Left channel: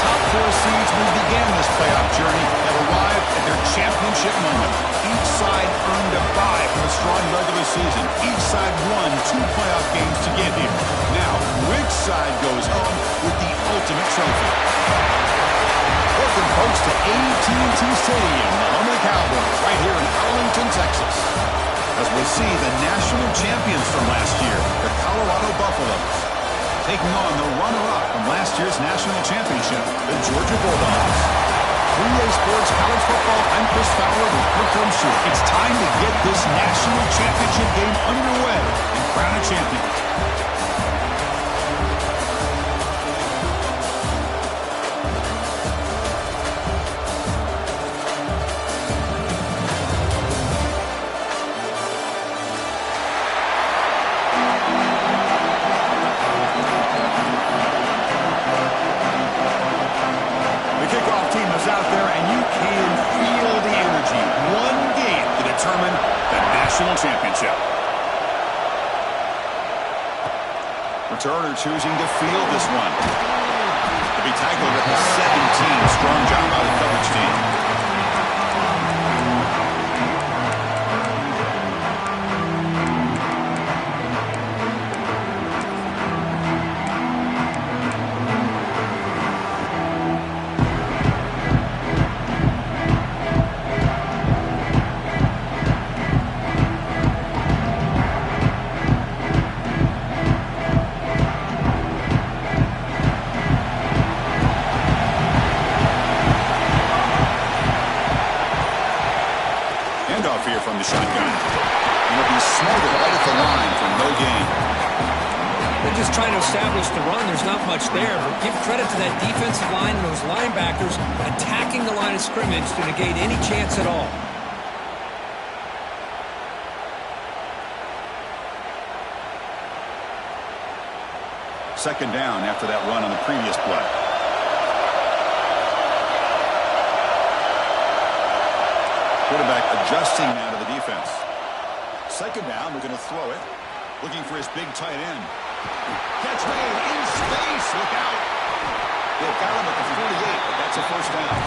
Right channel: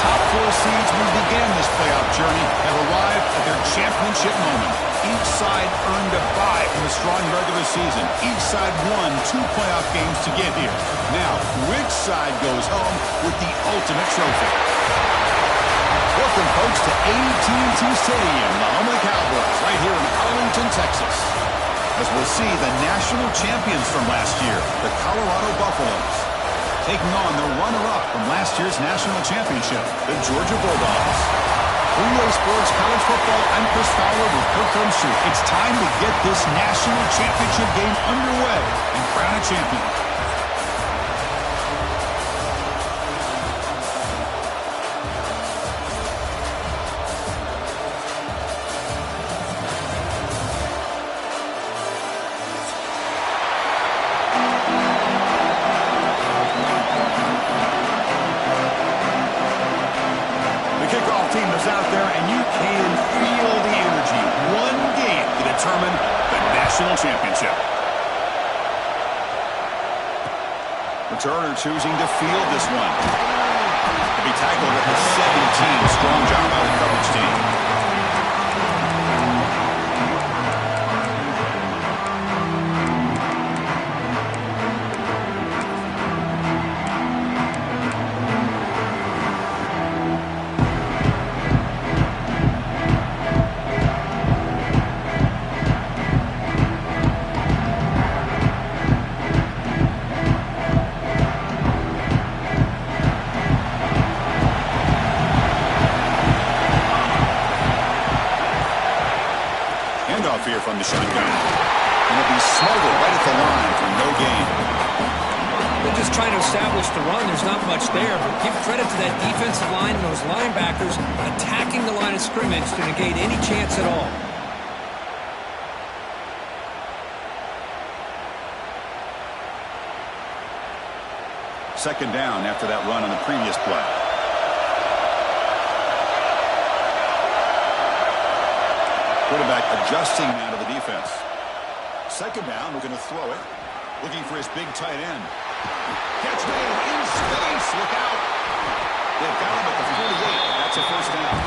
top 4 seeds who began this playoff journey have arrived at their championship moment. Each side earned a bye from a strong regular season. Each side won 2 playoff games to get here. Now, which side goes home with the ultimate trophy? Welcome, folks, to AT&T Stadium, the home of the Cowboys, right here in Arlington, Texas. As we'll see the national champions from last year, the Colorado Buffaloes, taking on the runner-up from last year's national championship, the Georgia Bulldogs. 3A Sports College Football, I'm Chris Fowler with Kirk Herbstreit. It's time to get this national championship game underway and crown a champion. Out there, and you can feel the energy. One game to determine the national championship. Returner choosing to field this one. To be tackled at the 17. Strong job by the coverage team. Here from the shotgun. And it'll be smothered right at the line for no gain. They're just trying to establish the run. There's not much there, but give credit to that defensive line and those linebackers attacking the line of scrimmage to negate any chance at all. Second down after that run on the previous play. Quarterback adjusting now to the defense. Second down, we're going to throw it. Looking for his big tight end. Catch made in space. Look out. They've got him at the 48, but that's a first down.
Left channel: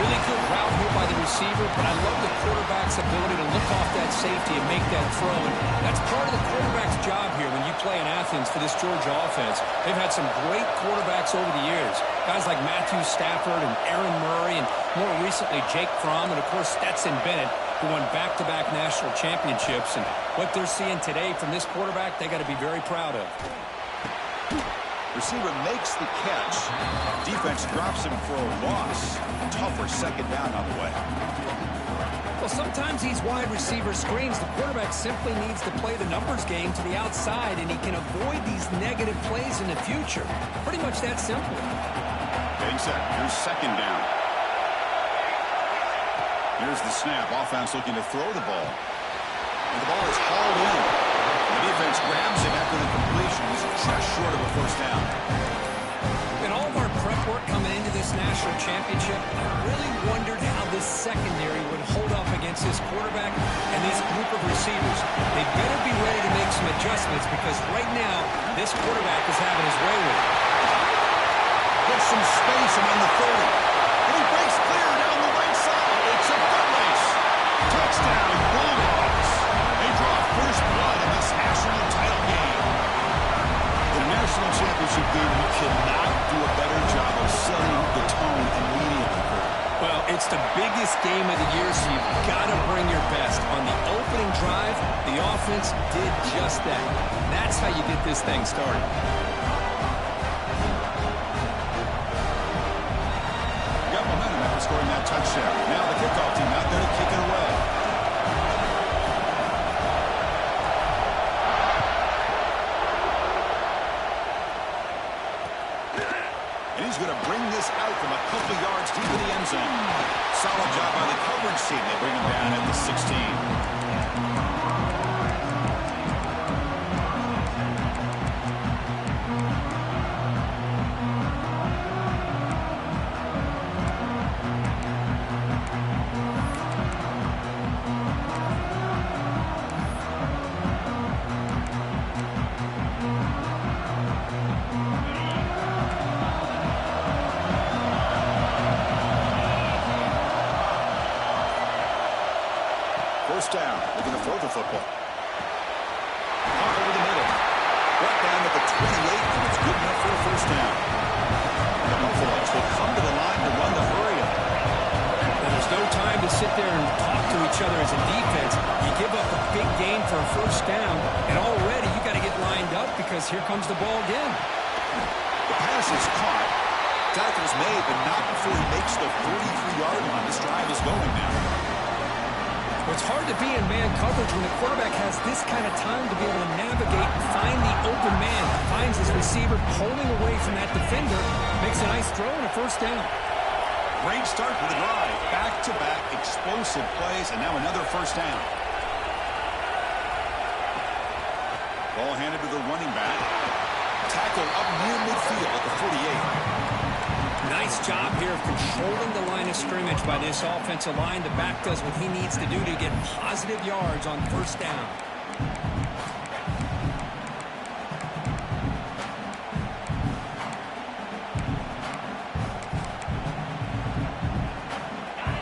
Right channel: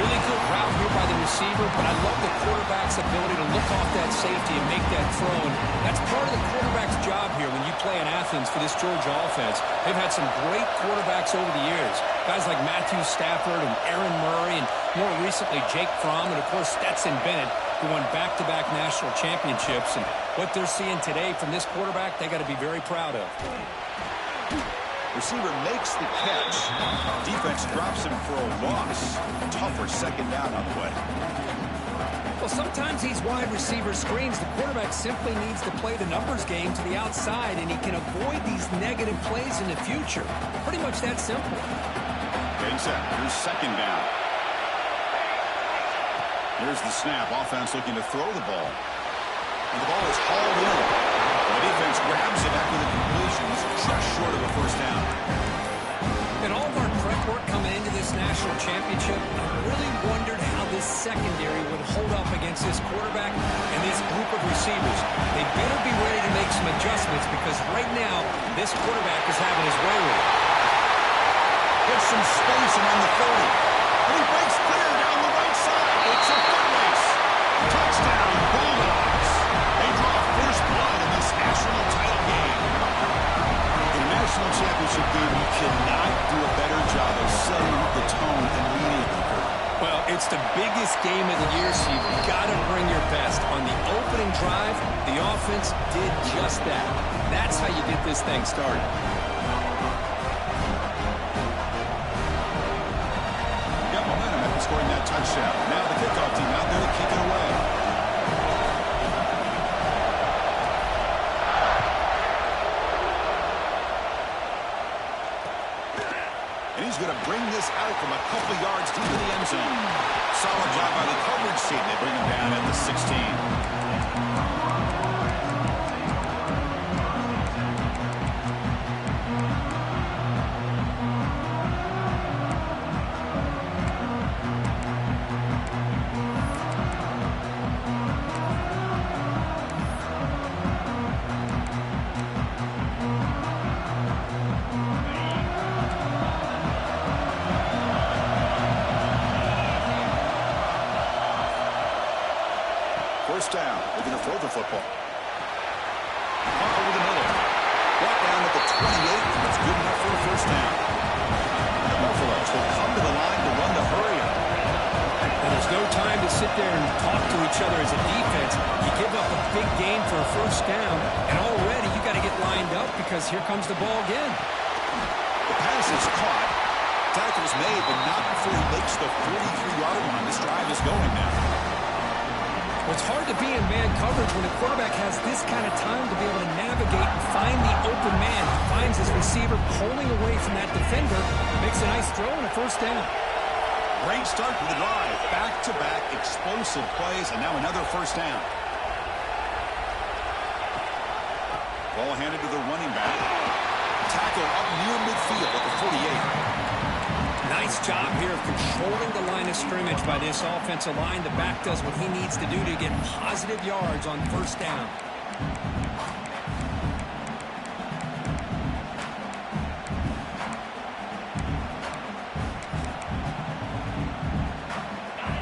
Really good route here by the receiver, but I love the quarterback's ability to look off that safety and make that throw. And that's part of the quarterback's job here when you play in Athens for this Georgia offense. They've had some great quarterbacks over the years. Guys like Matthew Stafford and Aaron Murray, and more recently Jake Fromm, and of course Stetson Bennett, who won back-to-back national championships. And what they're seeing today from this quarterback, they got to be very proud of. Receiver makes the catch. Defense drops him for a loss. Tougher second down on the way. Well, sometimes these wide receiver screens, the quarterback simply needs to play the numbers game to the outside, and he can avoid these negative plays in the future. Pretty much that simple. Getting set. Here's second down. Here's the snap. Offense looking to throw the ball. And the ball is hauled in. The defense grabs him after the completion. He's just short of a first down. In all of our prep work coming into this national championship, I really wondered how this secondary would hold up against this quarterback and this group of receivers. They better be ready to make some adjustments because right now, this quarterback is having his way with it. Gets some space around the 30. And he breaks clear down the right side. It's a foot race. Touchdown, Bulldogs. They draw first blood in this national title game. In a national championship game, you cannot do a better job of setting the tone immediately, Kurt. Well, it's the biggest game of the year, so you've got to bring your best. On the opening drive, the offense did just that. That's how you get this thing started. Got momentum after scoring that touchdown. Now the kickoff team out there to kick it away. And he's going to bring this out from a couple yards deep in the end zone. Solid job by the coverage team. They bring him down at the 16. first down. They're going to throw the football. Caught over the middle. Brought down at the 28, and it's good enough for a first down. And the Buffaloes will come to the line to run the hurry-up. Well, there's no time to sit there and talk to each other as a defense. You give up a big gain for a first down, and already you got to get lined up because here comes the ball again. The pass is caught. Tackle's made, but not before he makes the 43-yard line. This drive is going now. Well, it's hard to be in man coverage when the quarterback has this kind of time to be able to navigate and find the open man. Finds his receiver pulling away from that defender. Makes a nice throw and a first down. Great start to the drive. Back-to-back explosive plays, and now another first down. Ball handed to the running back. Tackle up near midfield at the 48. Nice job here of controlling the line of scrimmage by this offensive line. The back does what he needs to do to get positive yards on first down.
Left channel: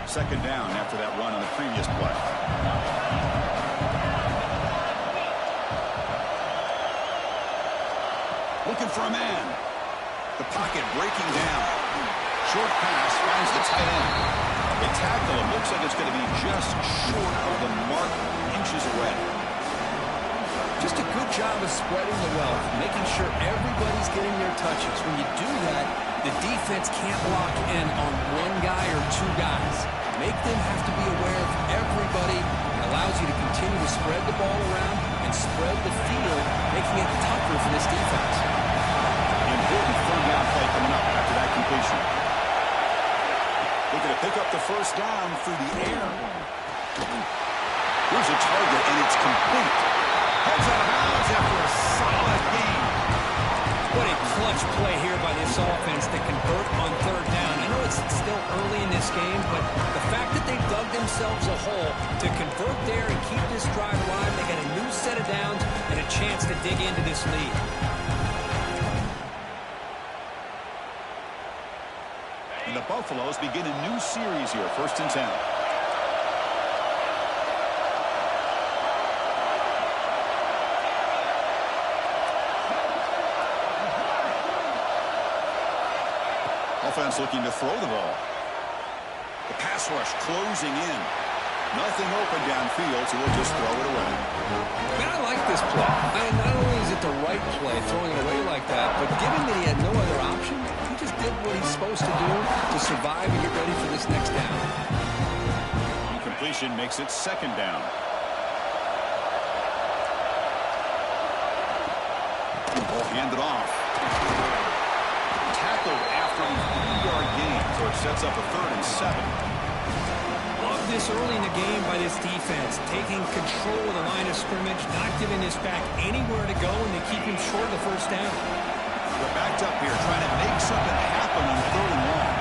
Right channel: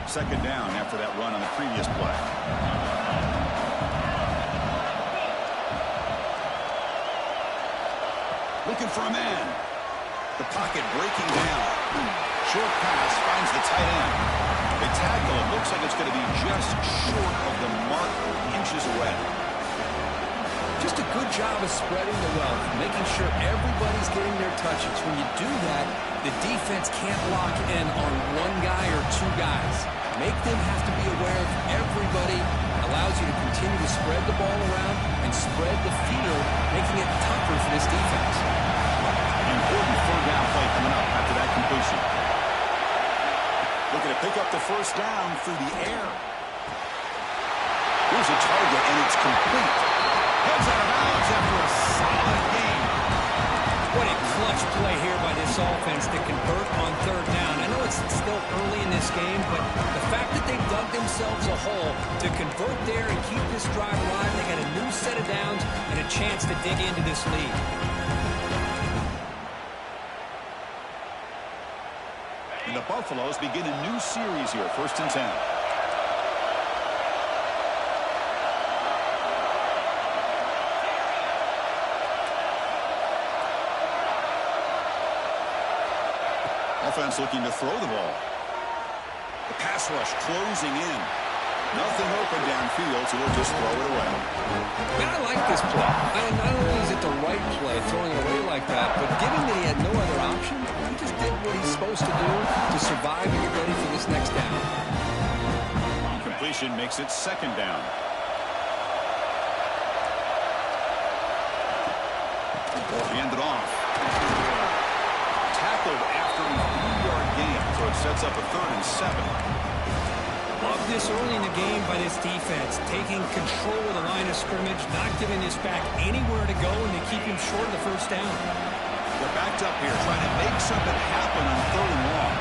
Second down after that run on the previous play. Looking for a man. The pocket breaking down. Short pass finds the tight end. They tackle him. Looks like it's going to be just short of the mark, inches away. Just a good job of spreading the wealth, making sure everybody's getting their touches. When you do that, the defense can't lock in on one guy or two guys. Make them have to be aware of everybody. It allows you to continue to spread the ball around and spread the field, making it tougher for this defense. Important third down play coming up after that completion. Looking to pick up the first down through the air. Here's a target, and it's complete. Heads out of bounds after a solid game. What a clutch play here by this offense to convert on third down. I know it's still early in this game, but the fact that they dug themselves a hole to convert there and keep this drive alive, they got a new set of downs and a chance to dig into this lead. And the Buffaloes begin a new series here, 1st and 10. Offense looking to throw the ball. The pass rush closing in. Nothing open downfield, so we'll just throw it away. Man, I like this play. Not only is it the right play, throwing it away like that, but given that he had no other option, he just did what he's supposed to do to survive and get ready for this next down. Completion makes it 2nd down. Ball handed off. Tackled after a 3-yard gain, so it sets up a 3rd and 7. Love this early in the game by this defense, taking control of the line of scrimmage, not giving this back anywhere to go, and they keep him short of the first down. They're backed up here, trying to make something happen on 3rd and long.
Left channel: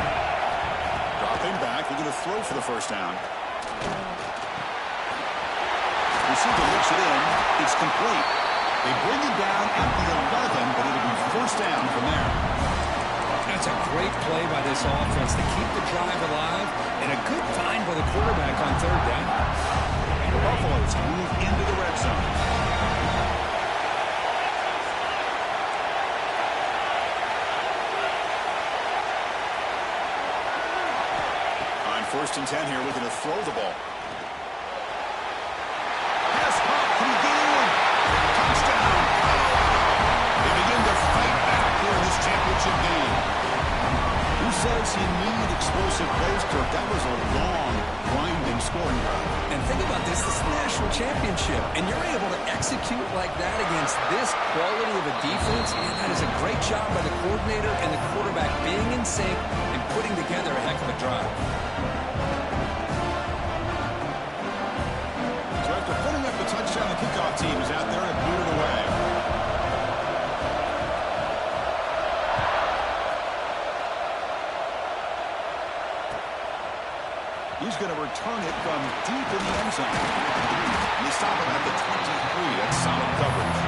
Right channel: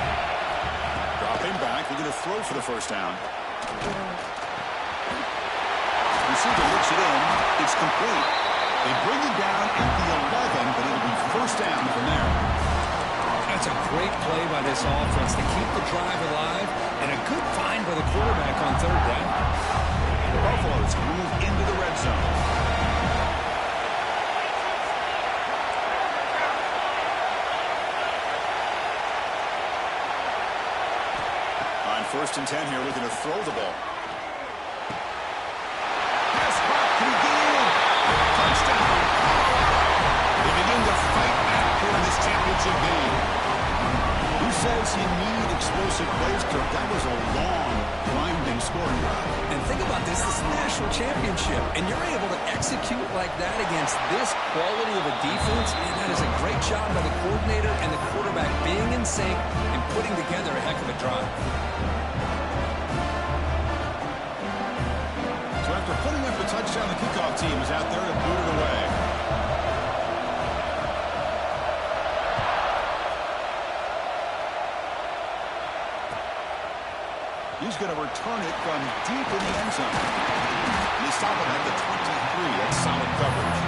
Dropping back, they're going to throw for the first down. Receiver looks it in. It's complete. They bring it down at the 11, but it'll be first down from there. That's a great play by this offense to keep the drive alive, and a good find by the quarterback on 3rd down. The Buffaloes move into the red zone. On 1st and 10 here, looking to throw the ball. Pass caught. Can he get in? Touchdown, Colorado. They begin to fight back here in this championship game. Who says you need explosive plays, Kirk? That was a long, grinding scoring drive. And think about this. This is a national championship, and you're able to execute like that against this quality of a defense. Man, that is a great job by the coordinator and the quarterback being in sync and putting together a heck of a drive. So after putting up the touchdown, the kickoff team is out there to boot it away. He's going to return it from deep in the end zone. And they stop him at the 23. That's solid coverage.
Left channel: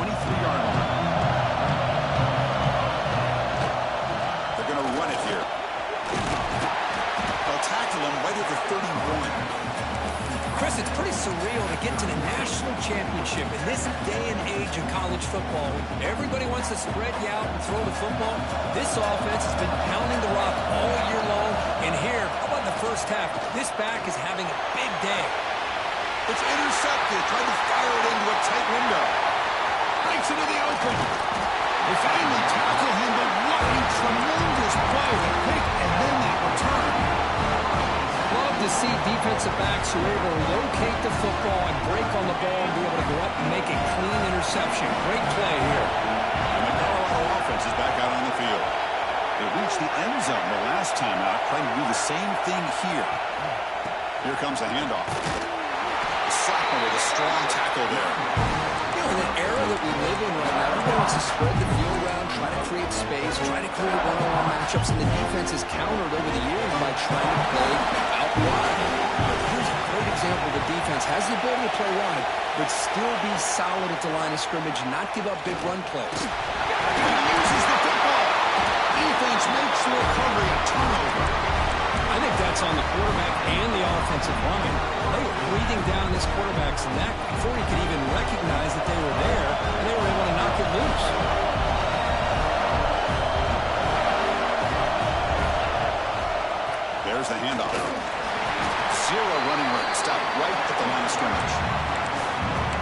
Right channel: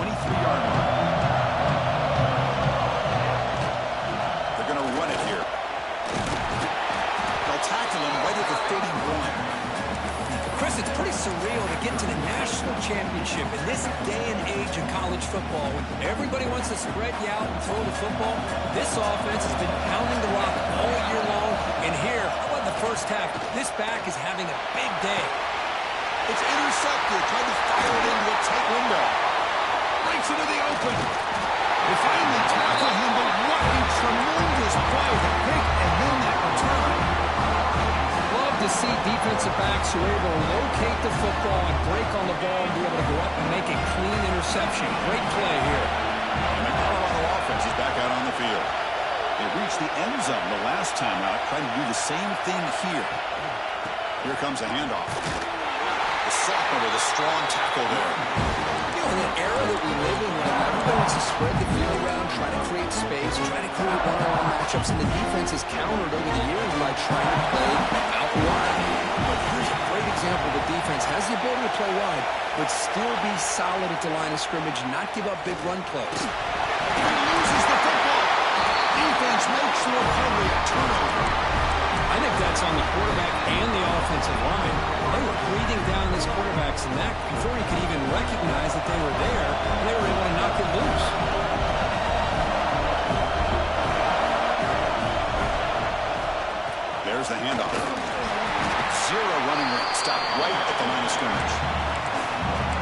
23-yard line. They're going to run it here. They'll tackle him right at the 31. Chris, it's pretty surreal to get to the national championship in this day and age of college football when everybody wants to spread you out and throw the football. This offense has been pounding the rock all year long. And here, how about the first half? This back is having a big day. It's intercepted. Tried to fire it into a tight window. Breaks into the open. They finally tackle him, but what a tremendous play. The pick and then that return. Love to see defensive backs who are able to locate the football and break on the ball and be able to go up and make a clean interception. Great play here. And the Colorado offense is back out on the field. They reached the end zone the last time out, trying to do the same thing here. Here comes a handoff. The sophomore with a strong tackle there. You know, in the era that we live in right now, everybody wants to spread the field around, try to create space, try to create one-on-one matchups, and the defense has countered over the years by trying to play out wide. But here's a great example. The defense has the ability to play wide, but still be solid at the line of scrimmage, not give up big run plays. He loses the football. Defense makes the recovery a turnover. I think that's on the quarterback and the offensive line. They were breathing down this quarterback's neck before he could even recognize that they were there, and they were able to knock it loose. There's the handoff. Zero running room. Stopped right at the line of scrimmage.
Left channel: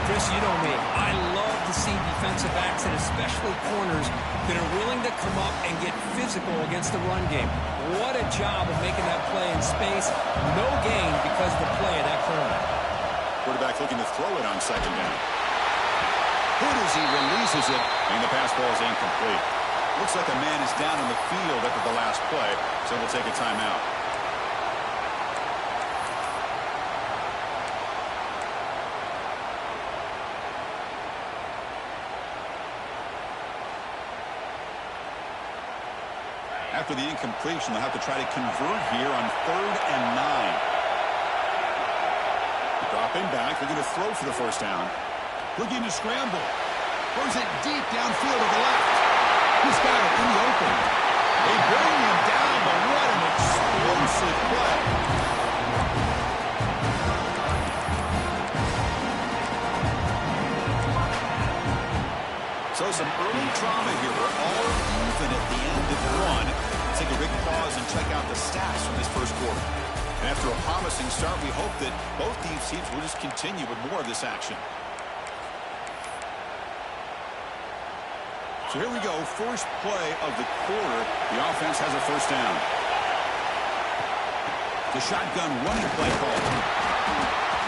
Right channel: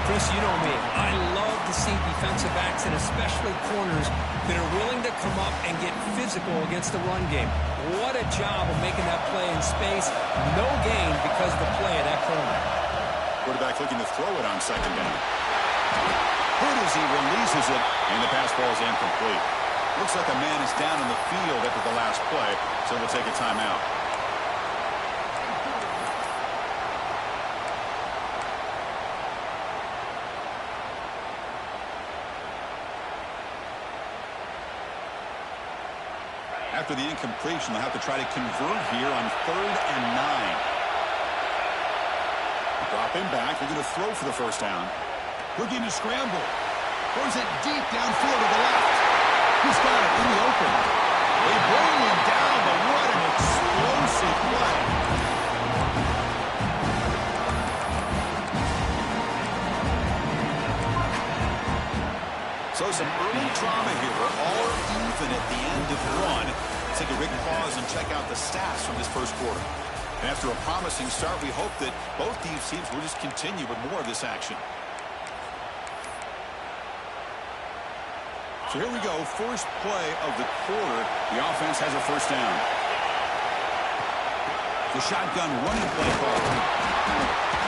Chris, you know me. I love to see defensive backs and especially corners that are willing to come up and get physical against the run game. What a job of making that play in space. No gain because of the play of that corner. Quarterback looking to throw it on second down. Hit as he releases it, and the pass ball is incomplete. Looks like a man is down in the field after the last play, so we'll take a timeout. After the incompletion, they'll have to try to convert here on 3rd and 9. Dropping back, they're going to throw for the first down. Looking to scramble. Throws it deep downfield to the left. He's got it in the open. They bring him down, but what an explosive play. So some early drama here. We're all even at the end of one. Let's take a big pause and check out the stats from this first quarter. And after a promising start, we hope that both these teams will just continue with more of this action. So here we go. First play of the quarter. The offense has a first down. The shotgun running play call.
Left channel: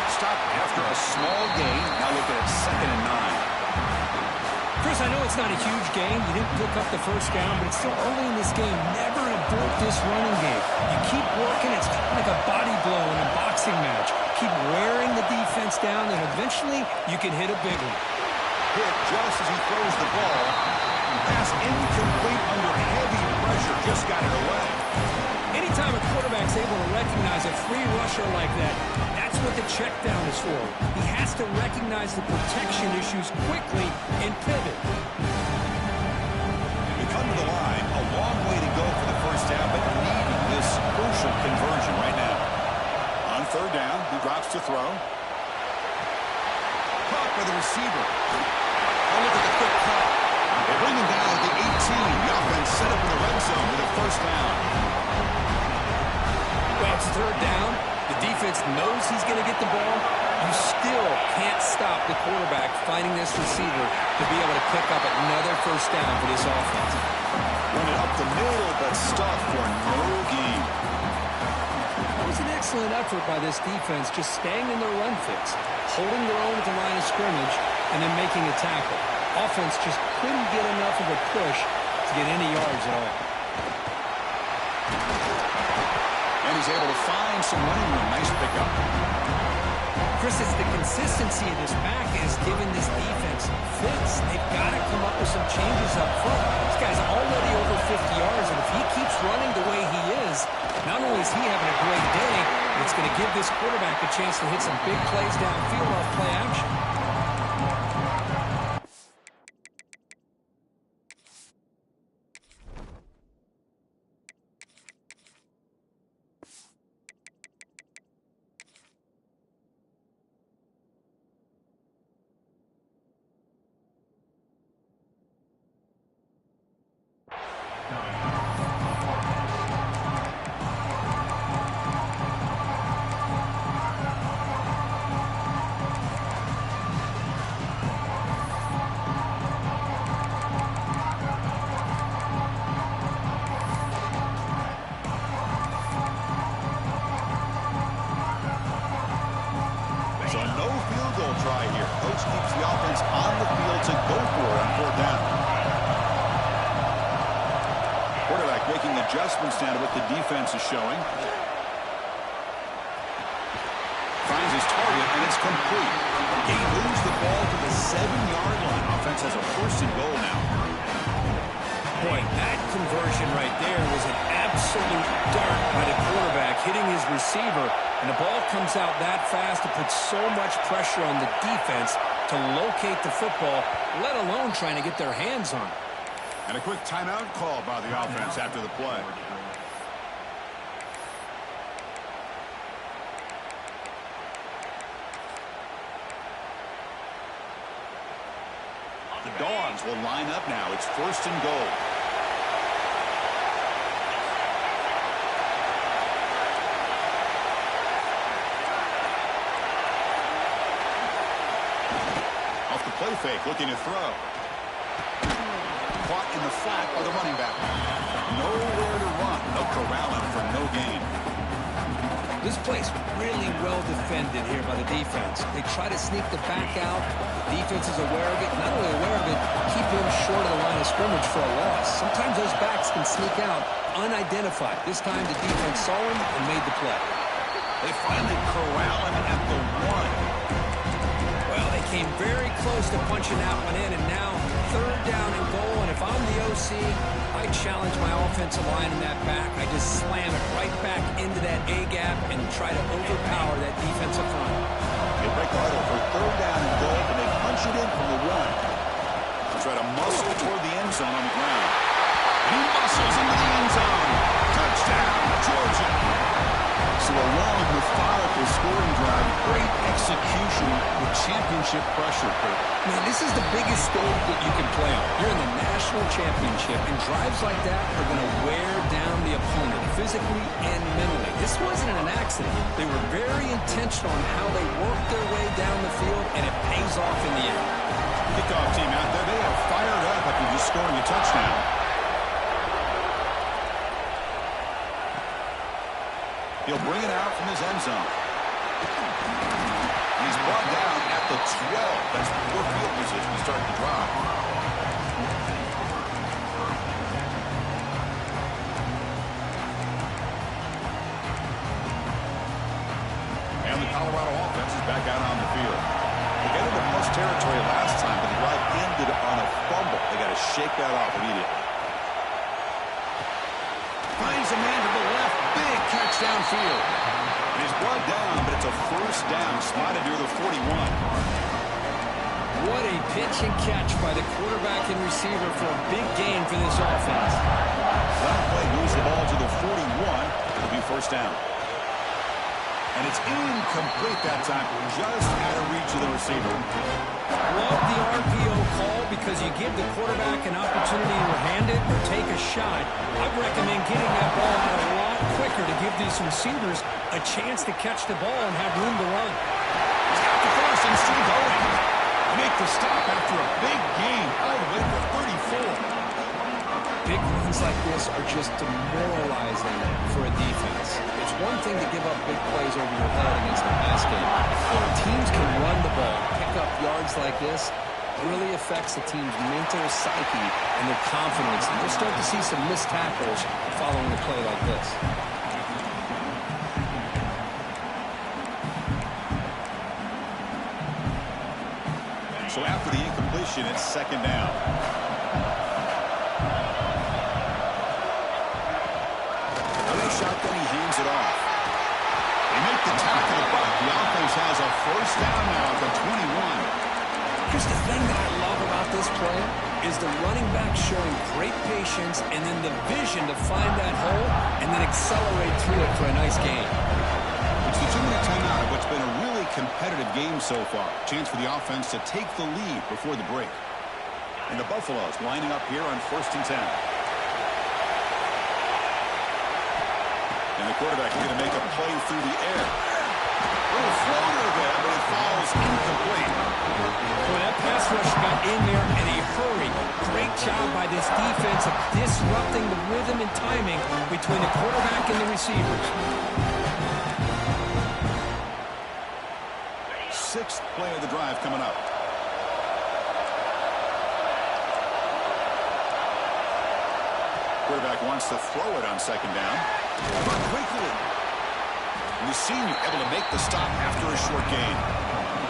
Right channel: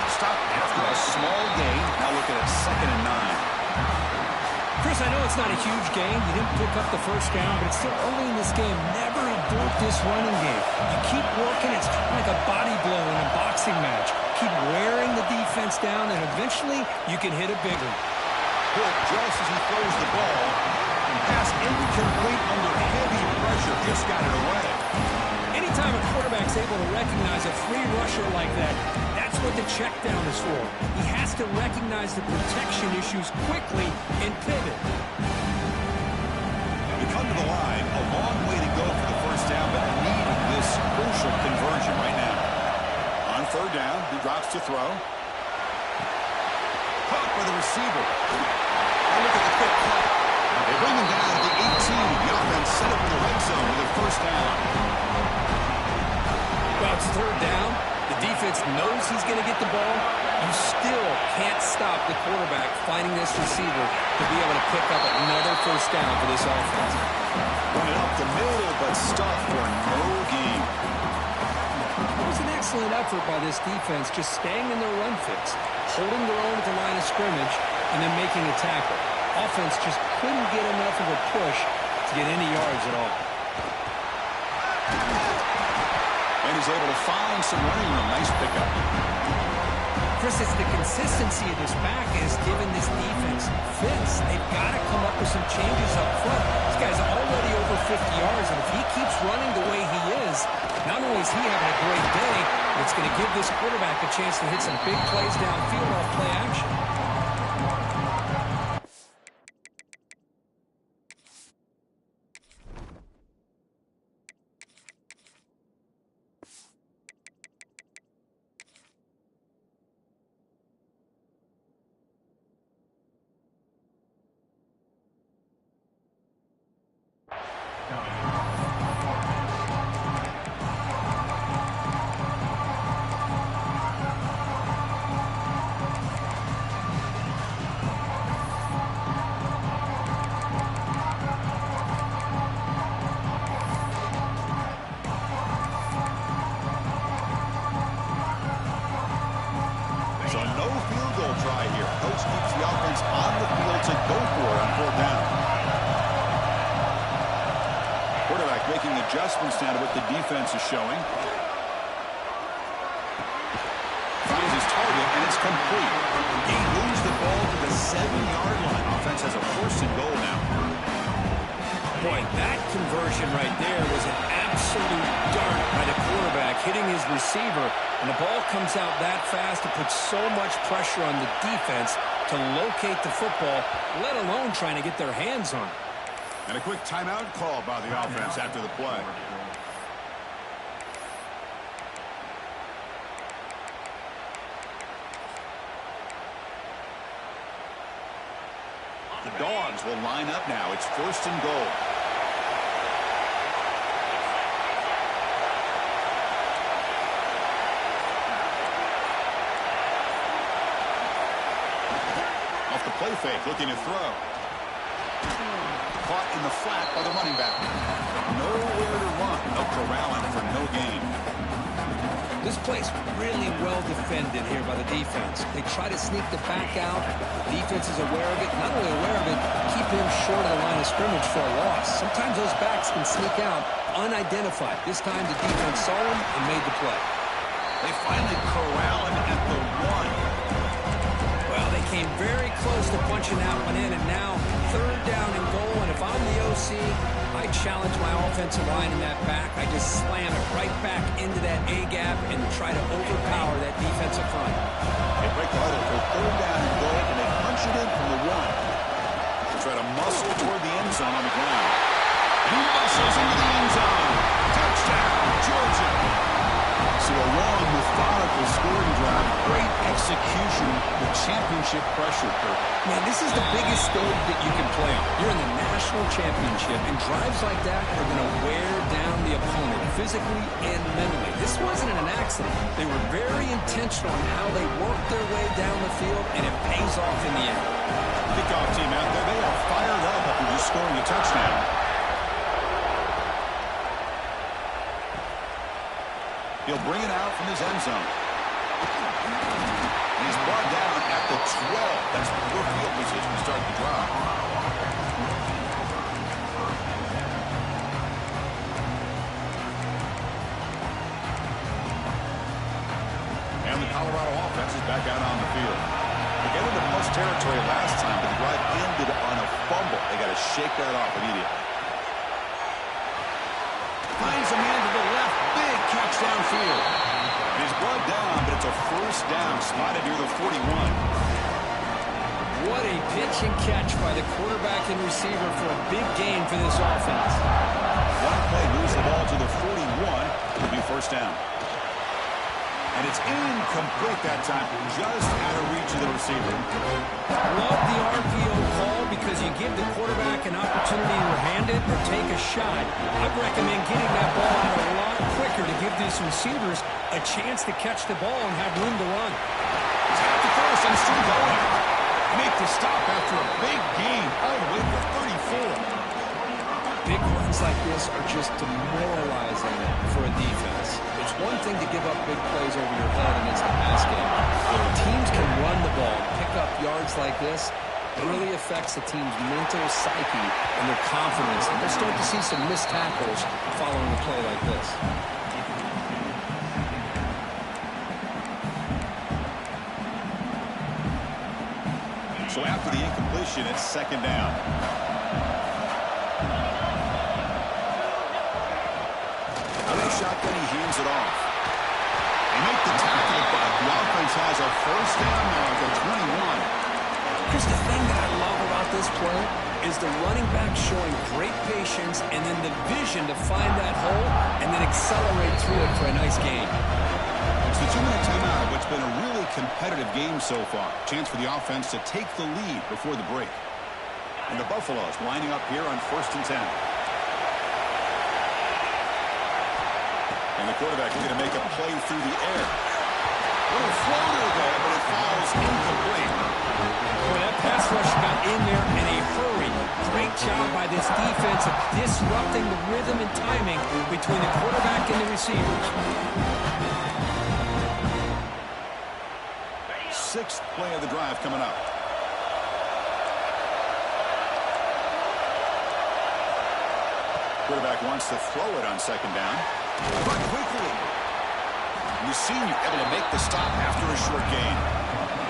Stop after a small gain. Now looking at 2nd and 9. Chris, I know it's not a huge gain. You didn't pick up the first down, but it's still early in this game. Never abort this running game. You keep working. It's kind of like a body blow in a boxing match. Keep wearing the defense down, and eventually you can hit a big one. Hit just as he throws the ball. Pass incomplete under heavy pressure. Just got it away. Anytime a quarterback's able to recognize a free rusher like that, that's what the check down is for. He has to recognize the protection issues quickly and pivot. We come to the line, a long way to go for the first down, but needing this crucial conversion right now. On 3rd down, he drops to throw. Caught by the receiver. Oh, look at the quick cut. They bring him down at the 18. The offense set up in the red zone with a first down. Well, it's 3rd down. The defense knows he's going to get the ball. You still can't stop the quarterback finding this receiver to be able to pick up another first down for this offense. Run it up the middle, but stuffed for no gain. It was an excellent effort by this defense, just staying in their run fits, holding their own at the line of scrimmage, and then making a tackle. Offense just couldn't get enough of a push to get any yards at all. And he's able to find some running room. Nice pickup. Chris, it's the consistency of this back that has given this defense fits. They've got to come up with some changes up front. This guy's already over 50 yards, and if he keeps running the way he is, not only is he having a great day, but it's going to give this quarterback a chance to hit some big plays downfield off play action. So no field goal try here. Coach keeps the offense on the field to go for it on 4th down. Quarterback making adjustments now to what the defense is showing. Finds his target, and it's complete. He moves the ball to the 7-yard line. Offense has a 1st and goal now. Boy, that conversion right there was an absolute dart by the quarterback, hitting his receiver, and the ball comes out that fast to put so much pressure on the defense to locate the football, let alone trying to get their hands on it. And a quick timeout call by the offense after the play. The Dogs will line up now. It's 1st and goal. Off the play fake, looking to throw. Caught in the flat by the running back. Nowhere to run. They'll corral him for no gain. This play's really well defended here by the defense. They try to sneak the back out. The defense is aware of it. Not only aware of it, keep him short of the line of scrimmage for a loss. Sometimes those backs can sneak out unidentified. This time the defense saw him and made the play. They finally corral him at the 1. Well, they came very close to punching that one in, and now 3rd down and goal. And if I'm the OC, I challenge my offensive line in that back. I just slam it right back into that A-gap and try to overpower that defensive front. They break the huddle for 3rd down and goal, and they punch it in from the 1. They try to muscle toward the end zone on the ground. And he muscles into the end zone. Touchdown, Georgia. So a long, methodical scoring drive. Great execution with championship pressure, Kurt. Man, this is the biggest stage that you can play on. You're in the national championship, and drives like that are going to wear down the opponent physically and mentally. This wasn't an accident. They were very intentional on how they worked their way down the field, and it pays off in the end. Kickoff team out there, they are fired up after just scoring a touchdown. He'll bring it out from his end zone. And he's brought down at the 12. That's poor field position to start the drive. And the Colorado offense is back out on the field. They got into plus territory last time, but the drive ended on a fumble. They got to shake that off immediately. Finds a man to the left. Big catch downfield. And he's brought down, but it's a 1st down. Spotted near the 41. What a pitch and catch by the quarterback and receiver for a big gain for this offense. One play moves the ball to the 41. It'll be 1st down. And it's incomplete that time, just out of reach of the receiver. Love the RPO call because you give the quarterback an opportunity to hand it or take a shot. I'd recommend getting that ball out a lot quicker to give these receivers a chance to catch the ball and have room to run. He's got the 1st and still going. They make the stop after a big gain all the way to the 34. Big runs like this are just demoralizing for a defense. It's one thing to give up big plays over your head against the pass game. When teams can run the ball, pick up yards like this, it really affects the team's mental psyche and their confidence. And we'll start to see some missed tackles following a play like this. So after the incompletion, it's 2nd down. Shotgun, he hands it off. They make the tackle, but the offense has a 1st down now at the 21. Chris, the thing that I love about this play is the running back showing great patience and then the vision to find that hole and then accelerate through it for a nice gain. It's the 2-minute timeout of what's been a really competitive game so far. Chance for the offense to take the lead before the break. And the Buffaloes lining up here on 1st and 10. And the quarterback looking to make a play through the air. Little floater there, but it falls incomplete. Boy, that pass rush got in there in a hurry. Great job by this defense of disrupting the rhythm and timing between the quarterback and the receivers. Sixth play of the drive coming up. Quarterback wants to throw it on second down. But quickly. The senior able to make the stop after a short gain.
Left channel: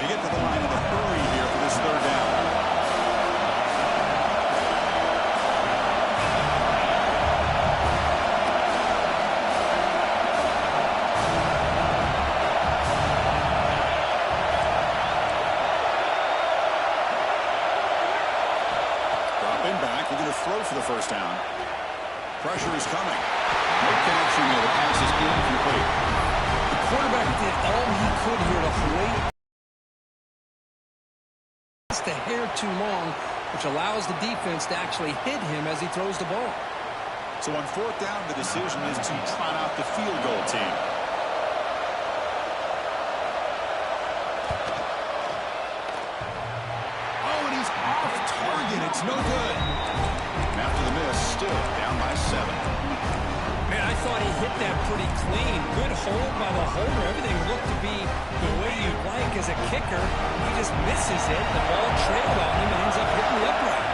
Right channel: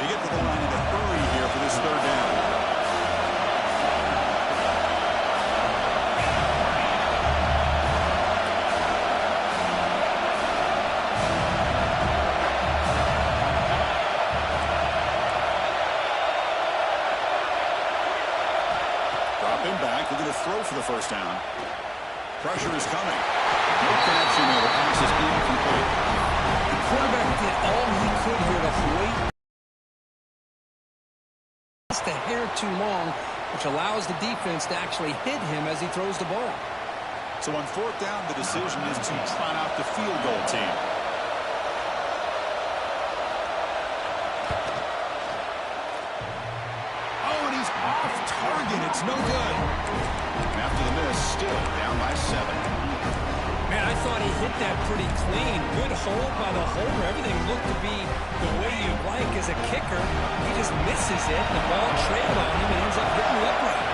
They get to the line in a hurry here for this third down. Dropping back, looking to throw for the first down. Pressure is coming. No connection there. The pass is incomplete. Quarterback did all he could here to wait just a hair too long, which allows the defense to actually hit him as he throws the ball. So on fourth down, the decision is to trot out the field goal team. Oh, and he's off target. It's no good. And after the miss, still down by 7. Man, I thought he hit that pretty clean. Good hold by the holder. Everything looked to be the way you'd like as a kicker. He just misses it. The ball trailed on him and ends up hitting the upright.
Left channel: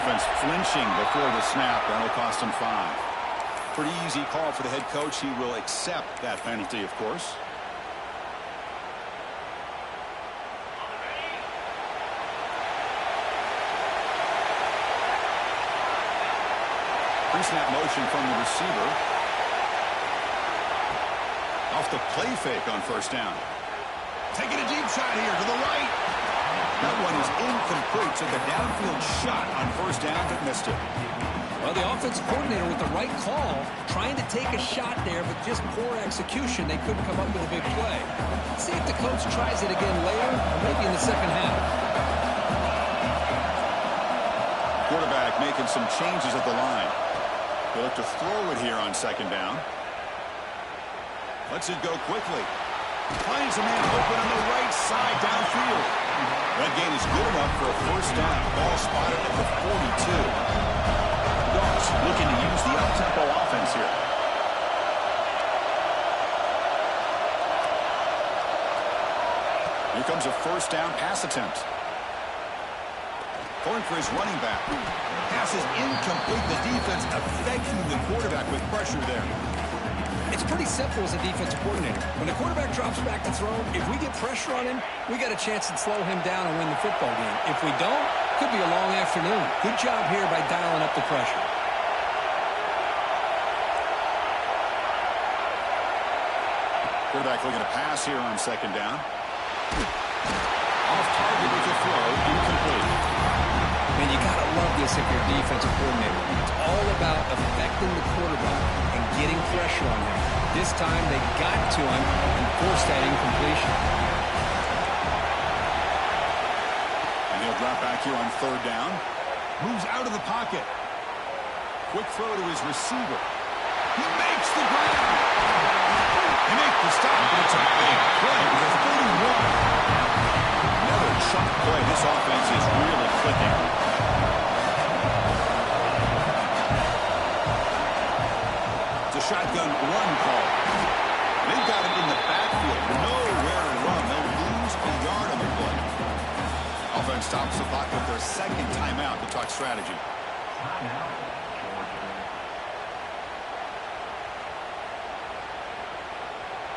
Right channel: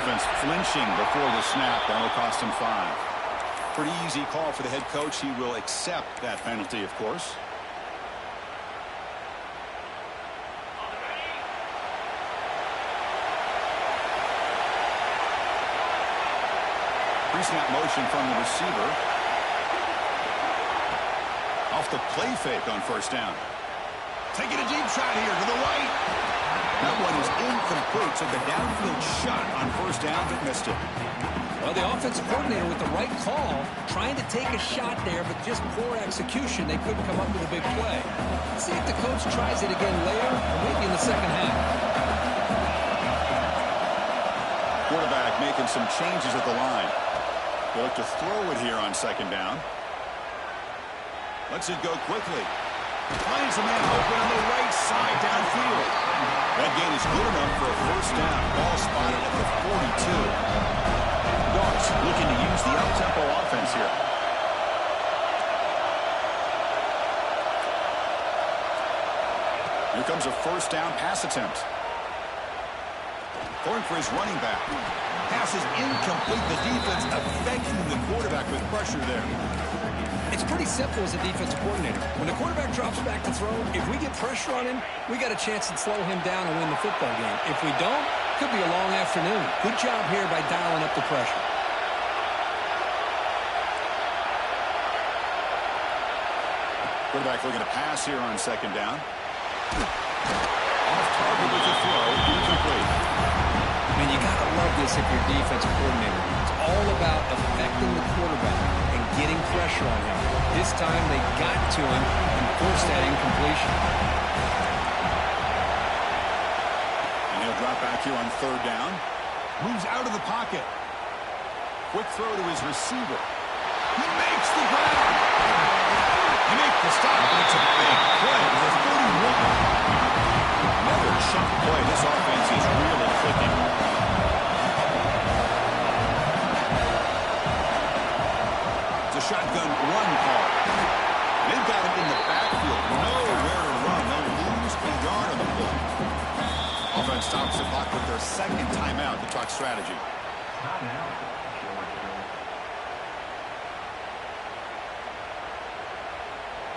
Offense flinching before the snap. That'll cost him 5. Pretty easy call for the head coach. He will accept that penalty, of course. Pre-snap motion from the receiver. Off the play fake on first down. Taking a deep shot here to the right. That one is incomplete. Took a downfield shot on first down, but missed it. Well, the offensive coordinator with the right call, trying to take a shot there, but just poor execution. They couldn't come up with a big play. Let's see if the coach tries it again later, or maybe in the second half. Quarterback making some changes at the line. They look to throw it here on second down. Lets it go quickly. Finds a man open on the right side downfield. That gain is good enough for a first down. Ball spotted at the 42. Dogs looking to use the up-tempo offense here. Here comes a first down pass attempt. Going for his running back. Pass is incomplete. The defense affecting the quarterback with pressure there. It's pretty simple as a defensive coordinator. When the quarterback drops back to throw, if we get pressure on him, we got a chance to slow him down and win the football game. If we don't, could be a long afternoon. Good job here by dialing up the pressure. Quarterback looking to pass here on second down. Off target with the throw, incomplete. Man, you got to love this if you're a defensive coordinator. It's all about affecting the quarterback and getting pressure on him. This time they got to him and forced that incompletion. And he'll drop back here on third down. Moves out of the pocket. Quick throw to his receiver. He makes the ground. He makes the stop, but it's a big play with a 41. Another chunk play. This offense is really clicking. It's a shotgun run call. They've got it in the backfield. Nowhere to run. They'll lose a yard on the play. Offense stops the clock with their second timeout to talk strategy.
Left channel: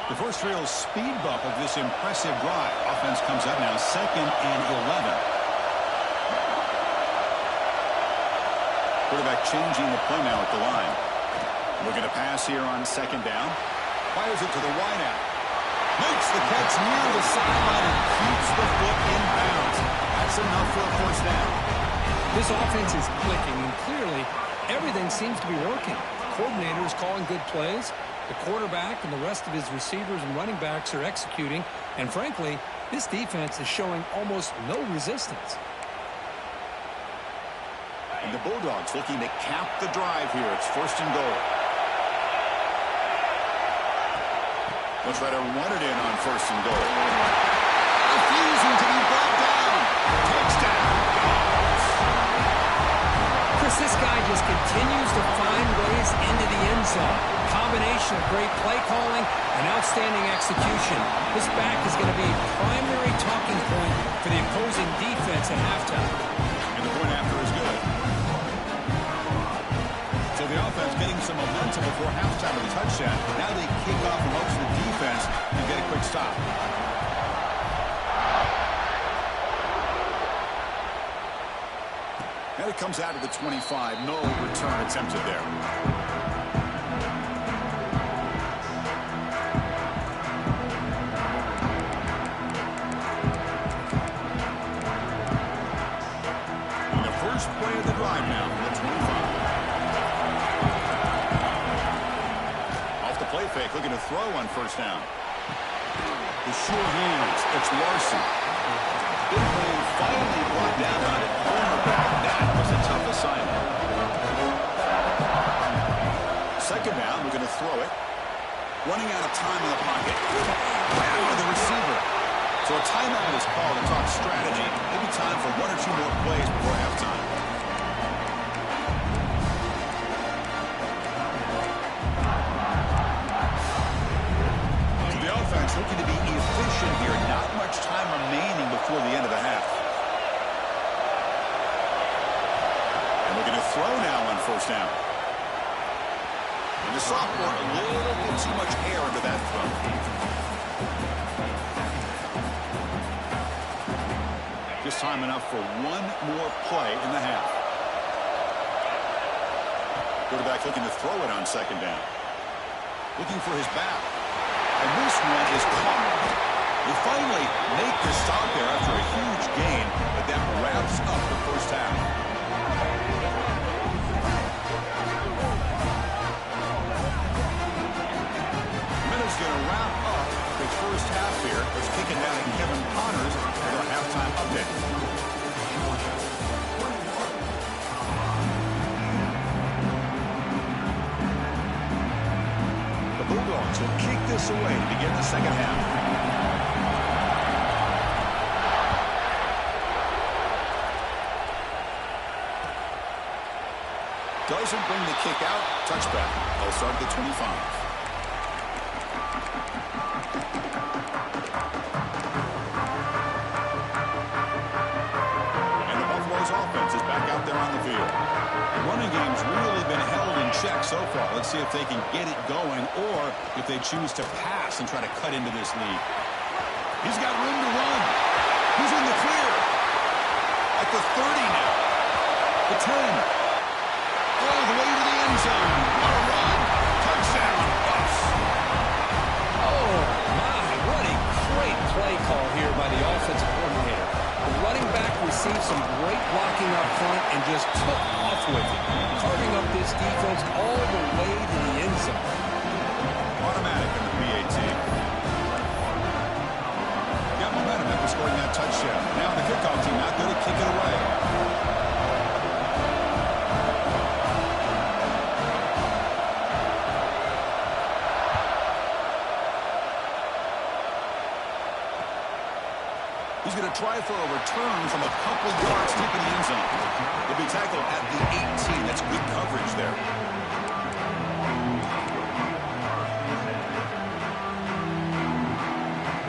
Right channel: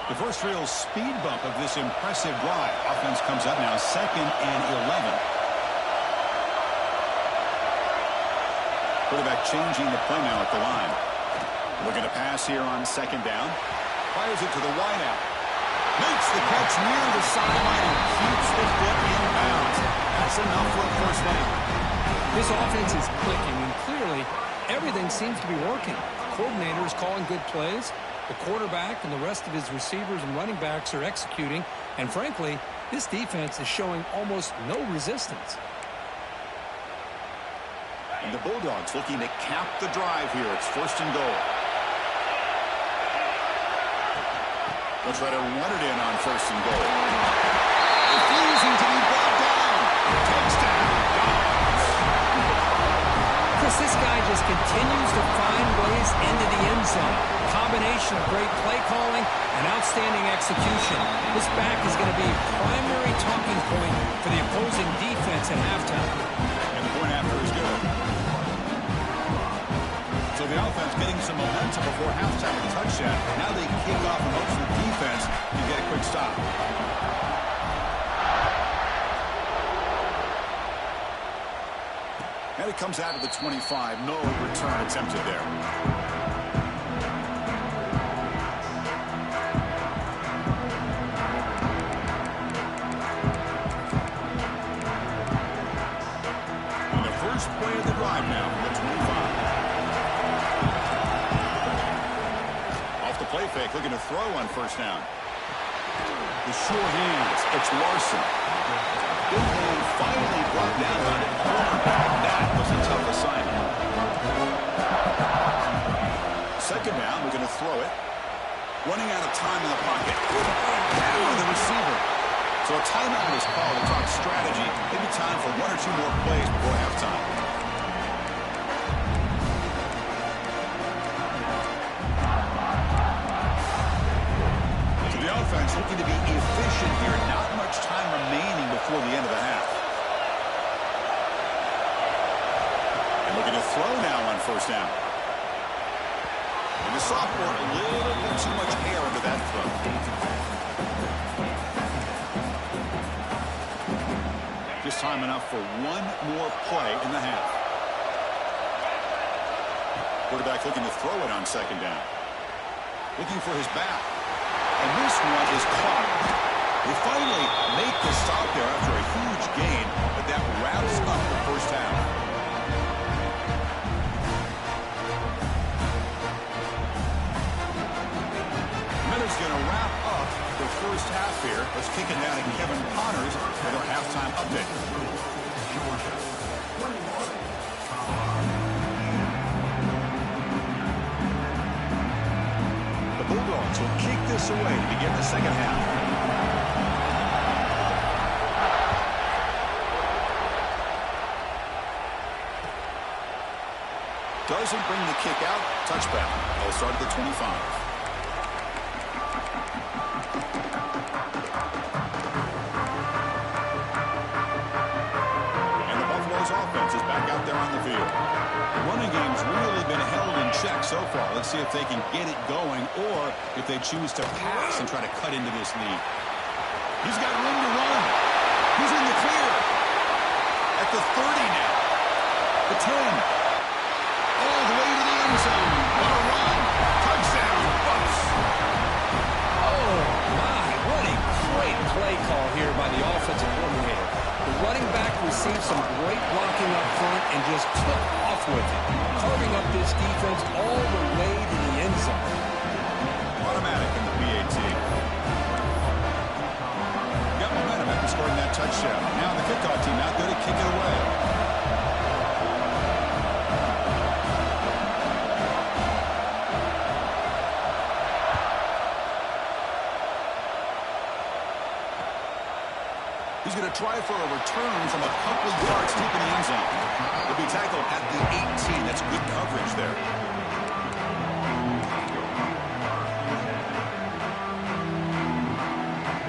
The first real speed bump of this impressive drive. Offense comes up now 2nd and 11. Quarterback changing the play now at the line. Looking to pass here on second down. Fires it to the wideout. Makes the catch near the sideline and keeps the foot in bounds. That's enough for a first down. This offense is clicking, and clearly everything seems to be working. The coordinator is calling good plays. The quarterback and the rest of his receivers and running backs are executing. And frankly, This defense is showing almost no resistance. And the Bulldogs looking to cap the drive here. It's 1st and goal. They'll try to run it in on 1st and goal. Refusing to be brought down. Touchdown, Dogs. Chris, this guy just continues to find ways into the end zone. Combination of great play calling and outstanding execution. This back is going to be a primary talking point for the opposing defense at halftime. And the point after is good. So the offense getting some momentum before halftime with a touchdown. Now they kick off and hope for the defense to get a quick stop. And it comes out of the 25. No return attempted there. And the first play of the drive now from the 25. Off the play fake, looking to throw on 1st down. The sure hands. It's Larson. Big man finally brought down on it. Cornerback. That was a tough assignment. 2nd down. We're going to throw it. Running out of time in the pocket. Ran over the receiver. So a timeout is called to talk strategy. Maybe time for 1 or 2 more plays before halftime. Offense looking to be efficient here. Not much time remaining before the end of the half. And looking to throw now on 1st down. And the sophomore, a little bit too much air under that throw. Just time enough for 1 more play in the half. Quarterback looking to throw it on 2nd down. Looking for his back. And this one is caught. They finally make the stop there after a huge gain, but that wraps up the 1st half. Minute's going to wrap up the 1st half here. Let's kick it down to Kevin Connors with our halftime update. Bulldogs will kick this away to begin the 2nd half. Doesn't bring the kick out. Touchback. They'll start at the 25. And the Buffalo's offense is back out there on the field. The running game's really been held in check so far. Let's see if they can get it going or if they choose to pass and try to cut into this lead. He's got room to run. He's in the clear. At the 30 now. The 10. All the way to the end zone. What a run. Touchdown, Buffs. Oh, my. What a great play call here by the offensive coordinator. The running back received some great blocking up front and just took off with it, carving up this defense all the way to the end zone. Automatic in the PAT. Got momentum after scoring that touchdown. Now the kickoff team out there to kick it away. He's going to try for a return from a couple yards deep in the end zone. He'll be tackled at the 18. That's good coverage there.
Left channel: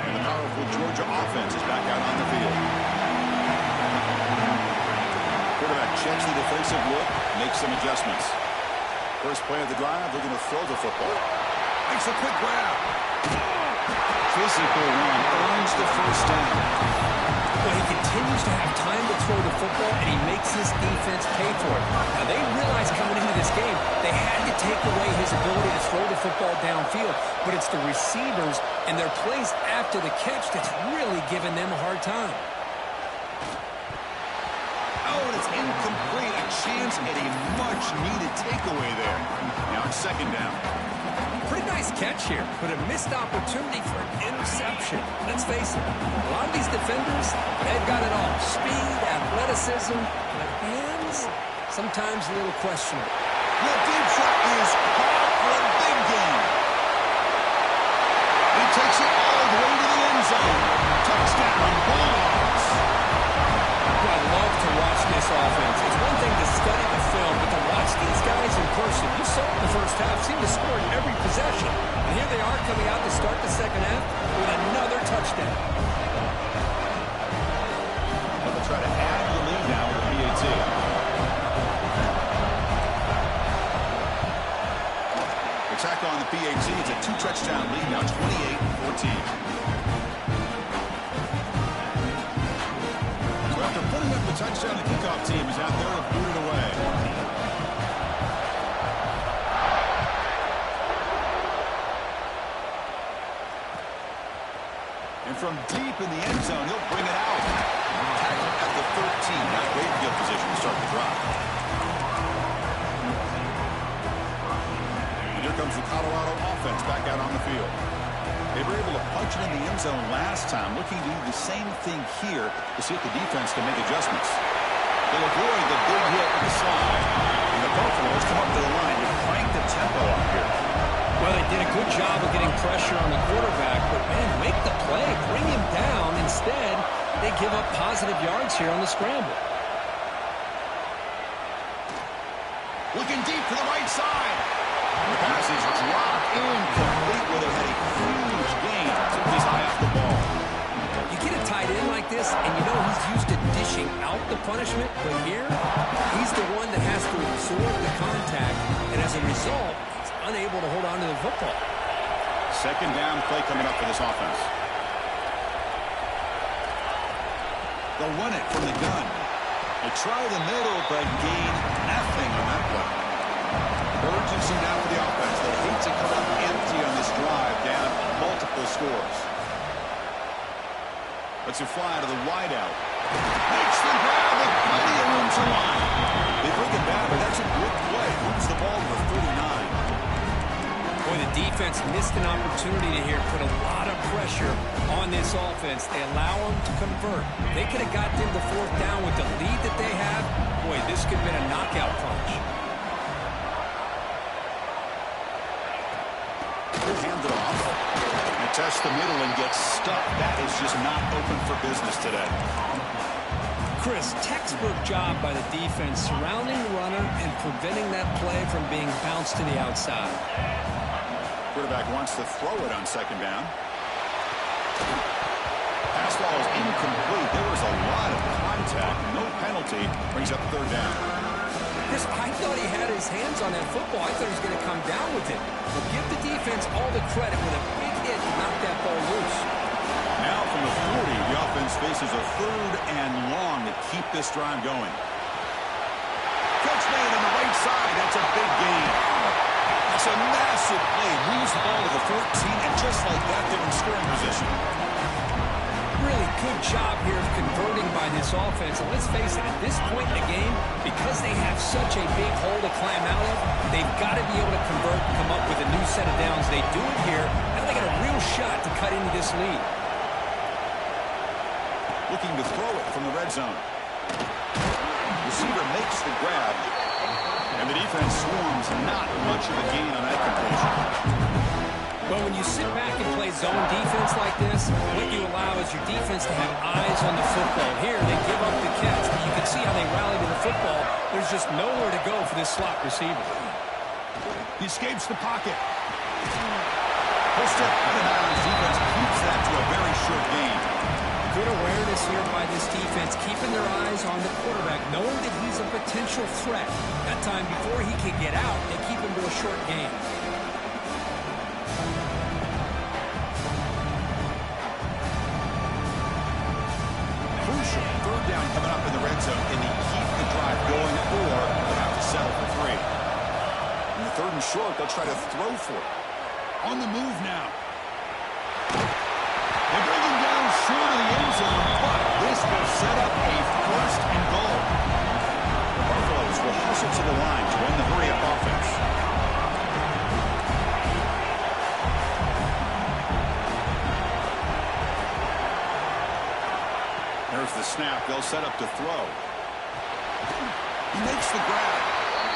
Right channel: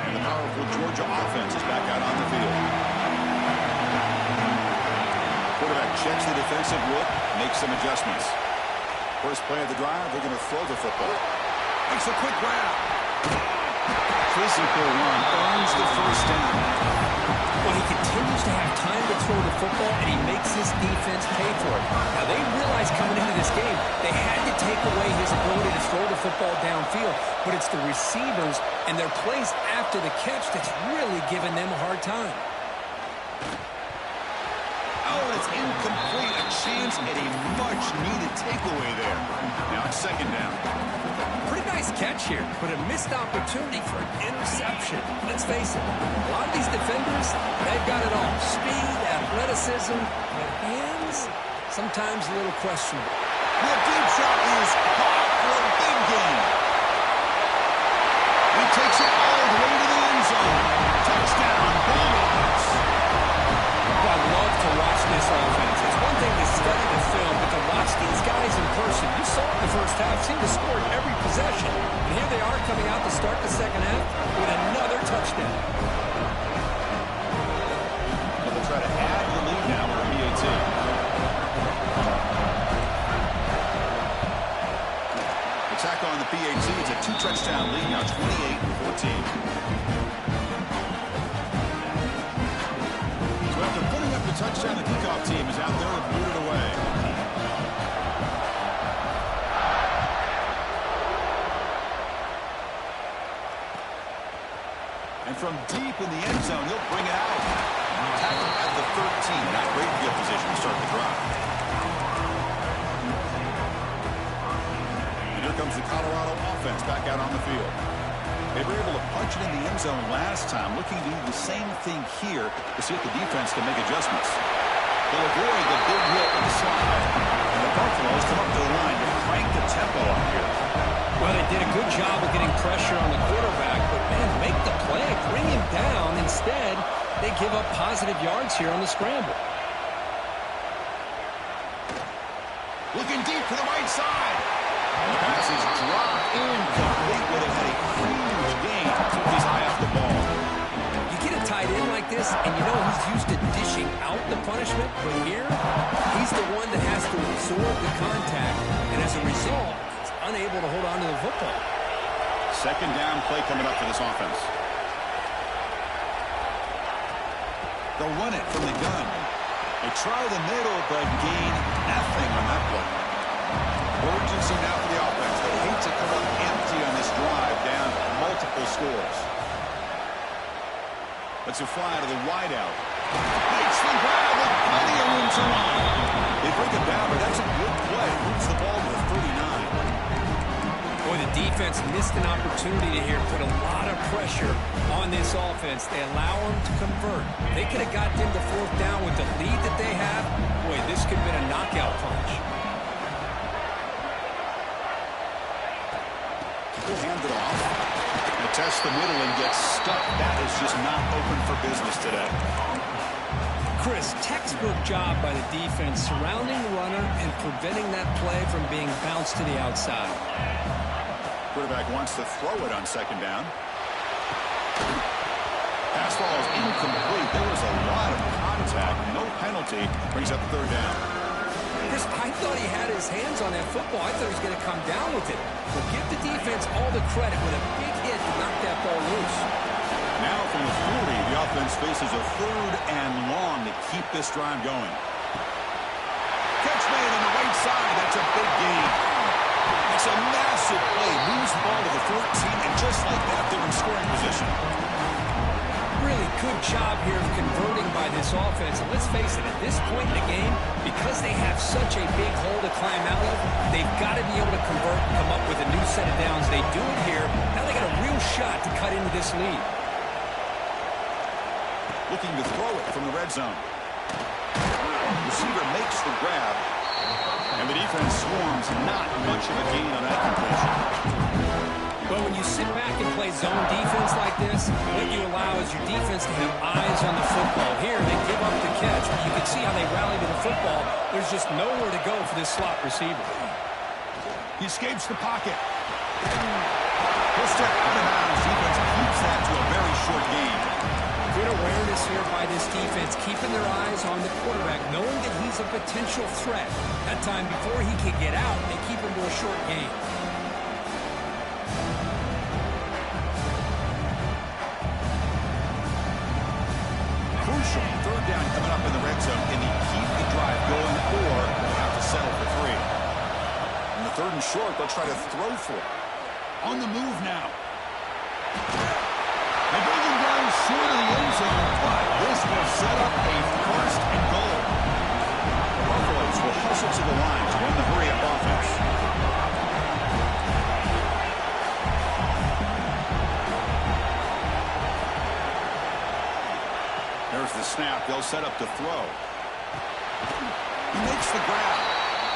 And the powerful Georgia offense is back out on the field. Quarterback checks the defensive look, makes some adjustments. First play of the drive, they're going to throw the football. Makes a quick grab. Physical run, earns the 1st down. Well, he continues to have time to throw the football, and he makes his defense pay for it. Now, they realized coming into this game, they had to take away his ability to throw the football downfield, but it's the receivers and their plays after the catch that's really giving them a hard time. Oh, and it's incomplete. A chance at a much-needed takeaway there. Now it's second down. Pretty nice catch here, but a missed opportunity for an interception. Let's face it, a lot of these defenders, they've got it all. Speed, athleticism, but hands, sometimes a little questionable. The deep shot is caught for a big gain. He takes it all the way to the end zone. Touchdown, Bulldogs. I love to watch this offense. It's one thing to study the film, but to watch these guys in person, you saw it in the first half, seemed to score in every possession. And here they are coming out to start the second half with another touchdown. Well, they'll try to add the lead now with a PAT. They tack on the PAT. It's a 2-touchdown lead now, 28-14. After putting up the touchdown, the kickoff team is out there to boot it away. And from deep in the end zone, he'll bring it out. Tackled at the 13. Not great field position to start the drive. And here comes the Colorado offense back out on the field. They were able to punch it in the end zone last time, looking to do the same thing here to see if the defense can make adjustments. They'll avoid the big hit with the slide. And the Buffaloes come up to the line to crank the tempo up here. Well, they did a good job of getting pressure on the quarterback, but, man, make the play, bring him down. Instead, they give up positive yards here on the scramble. Looking deep to the right side. And the pass is dropped incomplete where they had a huge gain. Took his eye off the ball. You get a tight end like this, and you know he's used to dishing out the punishment, but here, he's the one that has to absorb the contact, and as a result, he's unable to hold on to the football. Second down play coming up for this offense. They'll run it from the gun. They try the middle, but gain nothing on that play. Urgency now for the offense. They hate to come up empty on this drive, down multiple scores. Let's fly to the wideout. Makes the grab with plenty of room to run. They break it down, but that's a good play. Moves the ball to the 39. Boy, the defense missed an opportunity to here put a lot of pressure on this offense. They allow them to convert. They could have got them to fourth down with the lead that they have. Boy, this could have been a knockout punch. Hand it off. And test the middle and get stuck. That is just not open for business today. Chris, textbook job by the defense surrounding the runner and preventing that play from being bounced to the outside. Quarterback wants to throw it on second down. Pass ball is incomplete. There was a lot of contact. No penalty. Brings up third down. Chris, I thought he had his hands on that football. I thought he was going to come down with it. Well, give the defense all the credit with a big hit to knock that ball loose. Now from the 40, the offense faces a third and long to keep this drive going. Catch made on the right side. That's a big gain. It's a massive play. Moves the ball to the 14, and just like that, they're in scoring position. Really good job here of converting by this offense. And let's face it, at this point in the game, because they have such a big hole to climb out of, they've got to be able to convert and come up with a new set of downs. They do it here. Now they got a real shot to cut into this lead. Looking to throw it from the red zone. Receiver makes the grab. And the defense swarms. Not much of a gain on that completion. Well, when you sit back and play zone defense like this, what you allow is your defense to have eyes on the football. Here, they give up the catch, but you can see how they rally to the football. There's just nowhere to go for this slot receiver. He escapes the pocket. He'll step out of bounds. Defense keeps that to a very short gain. Good awareness here by this defense, keeping their eyes on the quarterback, knowing that he's a potential threat. That time, before he can get out, they keep him to a short gain. Crucial third down coming up in the red zone. Can he keep the drive going, or will they have to settle for 3? In the third and short, they'll try to throw for it. On the move now. They bring him down short of the end zone, but this will set up a 1st and goal. toss it to the line to run the hurry-up offense. There's the snap. They'll set up to throw. He makes the grab.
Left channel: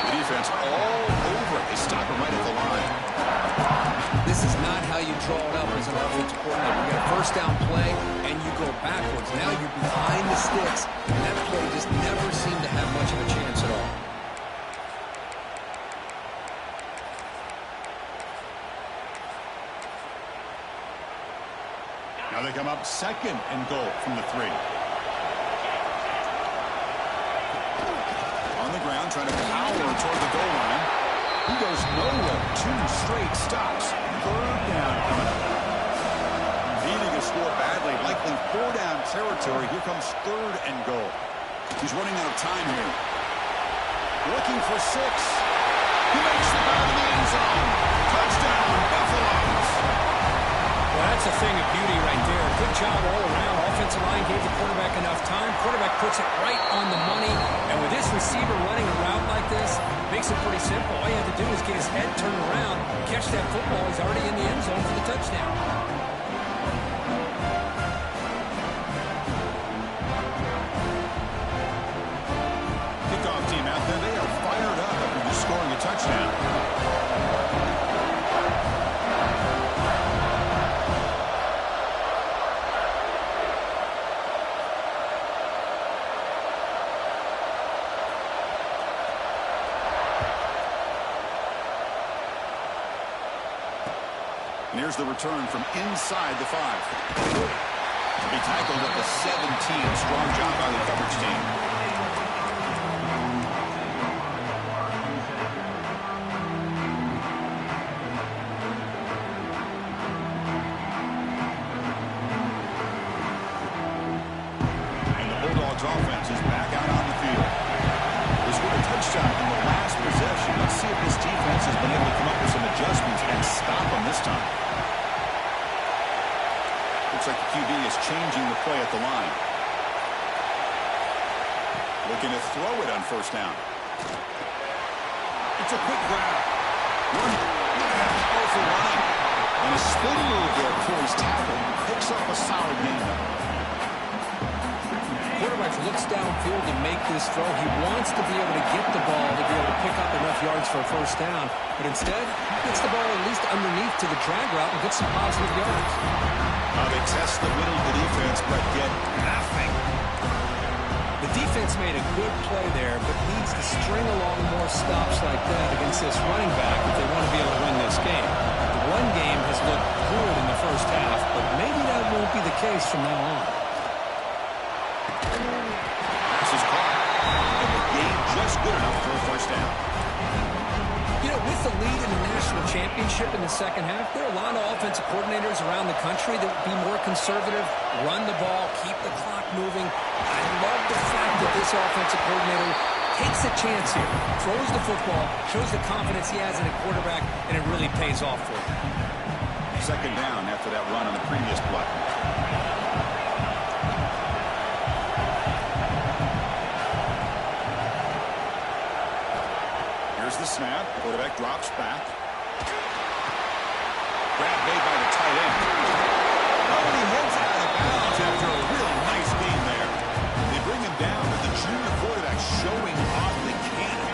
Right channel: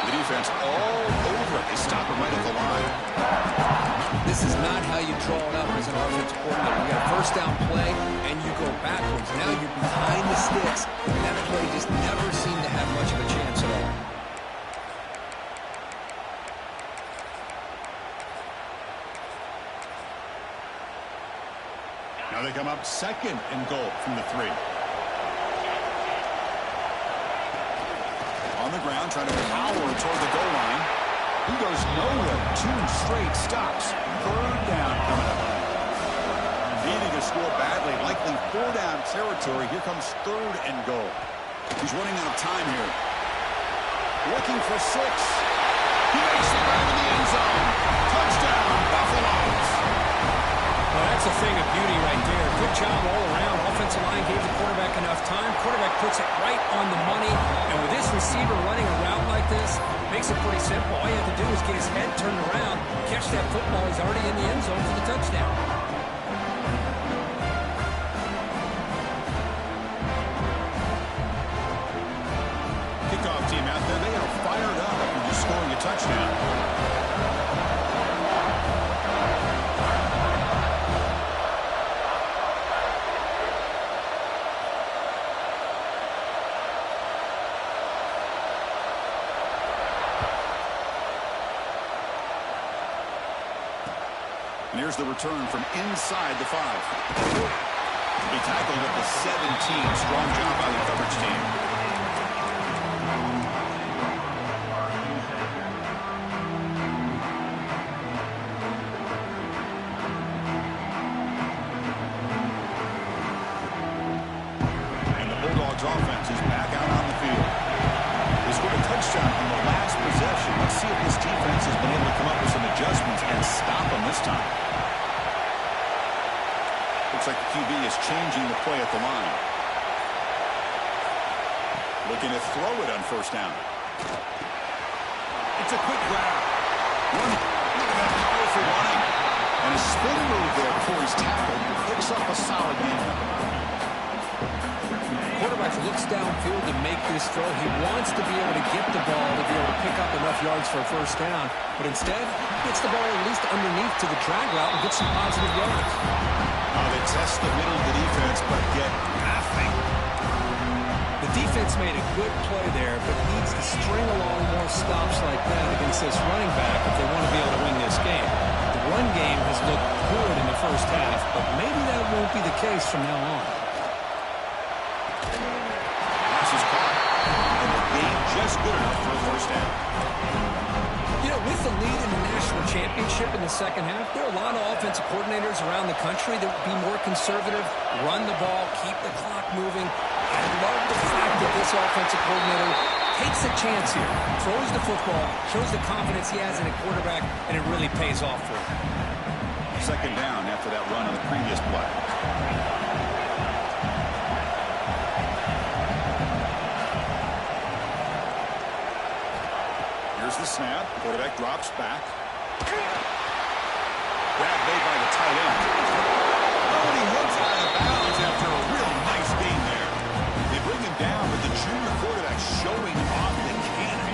The defense all over it. They stop him right at the line. This is not how you draw it up as an offensive coordinator. You got a first down play, and you go backwards. Now you're behind the sticks, and that play just never seemed to have much of a chance at all. Now they come up 2nd and goal from the 3. On the ground, trying to power toward the goal line. He goes nowhere. 2 straight stops. 3rd down coming up. Needing to score badly, likely 4-down territory. Here comes 3rd and goal. He's running out of time here. Looking for 6. He makes the grab in the end zone. Touchdown, Buffaloes. Well, that's a thing of beauty right there. Good job all around. Offensive line gave the quarterback enough time. Quarterback puts it right on the money. And with this receiver running a route like this, makes it pretty simple. All you have to do is get his head turned around, catch that football. He's already in the end zone for the touchdown. Kickoff team out there. They are fired up after just scoring a touchdown. And here's the return from inside the 5. He tackled at the 17. Strong job by the coverage team. And the Bulldogs offense is back out on the field. They scored a touchdown on the last possession. Let's see if this defense has been able to come up with some adjustments and stop them this time. Looks like the QB is changing the play at the line. Looking to throw it on 1st down. It's a quick grab. Look at that powerful running. And a spin move there before he's tackled. Picks up a solid gain though. Quarterback looks downfield to make this throw. He wants to be able to get the ball to be able to pick up enough yards for a 1st down. But instead, gets the ball at least underneath to the drag route and gets some positive yards. They test the middle of the defense, but get nothing. The defense made a good play there, but needs to string along more stops like that against this running back if they want to be able to win this game. The run game has looked good in the 1st half, but maybe that won't be the case from now on. Pass is caught, and the game just good enough for a 1st down. You know, with the lead in the national championship in the 2nd half, there are a lot of offensive coordinators around the country that would be more conservative, run the ball, keep the clock moving. I love the fact that this offensive coordinator takes a chance here, throws the football, shows the confidence he has in a quarterback, and it really pays off for him. 2nd down after that run on the previous play. Here's the snap. Quarterback drops back. Grab made by the tight end. Oh, and he heads out of bounds after a really nice game there. They bring him down, but the junior quarterback showing off the cannon.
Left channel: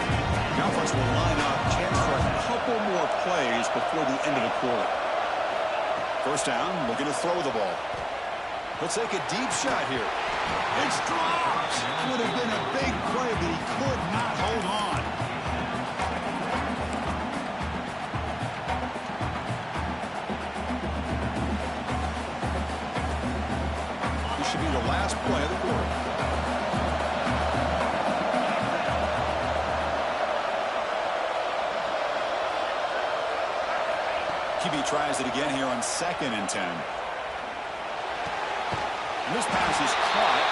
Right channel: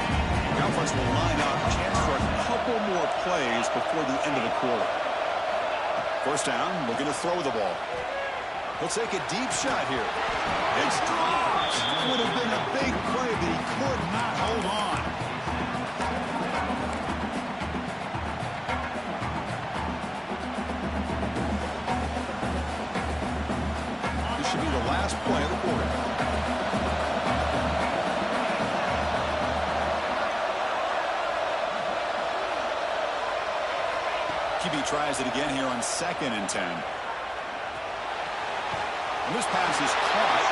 The offense will line up. Chance for a couple more plays before the end of the quarter. 1st down, looking to throw the ball. He'll take a deep shot here. It's dropped. Would have been a big play, but he could not hold on. Should be the last play of the quarter. QB tries it again here on 2nd and 10. And this pass is caught,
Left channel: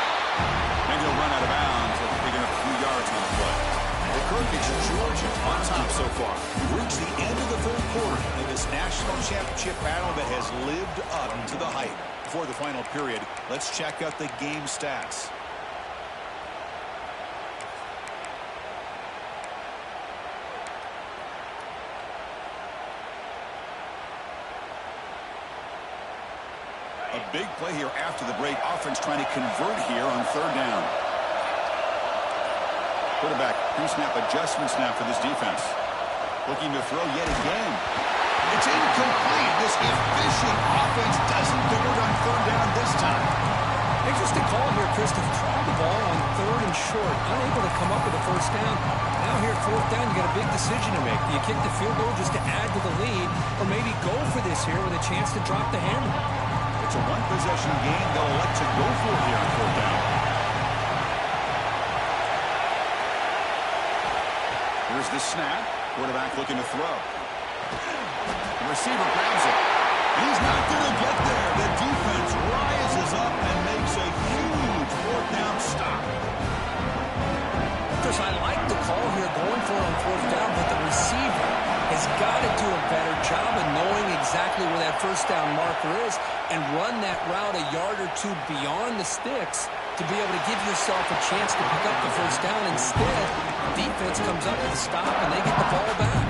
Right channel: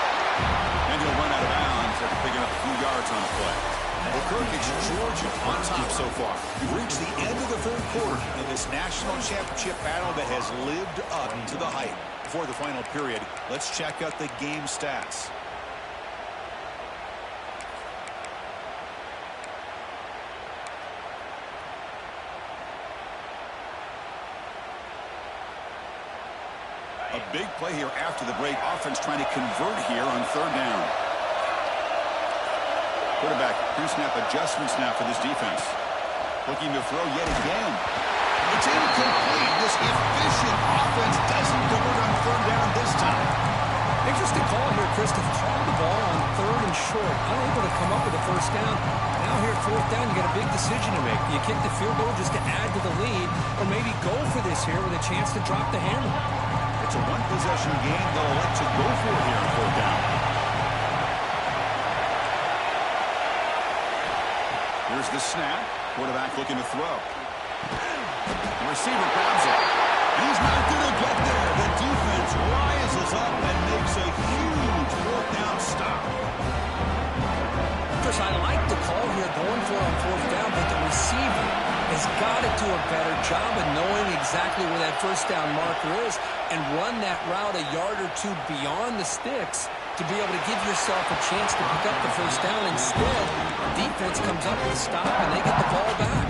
and he'll run out of bounds after picking up a few yards on the play. Well, Kirk, it's Georgia on top so far. We've reached the end of the 3rd quarter in this national championship battle that has lived up to the hype. Before the final period, let's check out the game stats. Big play here after the break. Offense trying to convert here on third down. Quarterback pre-snap adjustments now for this defense. Looking to throw yet again. It's incomplete. This efficient offense doesn't convert on third down this time. Interesting call here, Chris, to throw the ball on third and short. Unable to come up with a first down. Now here, fourth down, you got a big decision to make. Do you kick the field goal just to add to the lead, or maybe go for this here with a chance to drop the handle? It's a one-possession game. They'll elect to go for it here on fourth down. Here's the snap. Quarterback looking to throw. The receiver grabs it. And he's not going to get there. The defense rises up and makes a huge fourth down stop. Chris, I like the call here going for it on fourth down, but the receiver has got to do a better job of knowing exactly where that first down marker is and run that route a yard or two beyond the sticks to be able to give yourself a chance to pick up the first down. Instead, defense comes up with a stop and they get the ball back.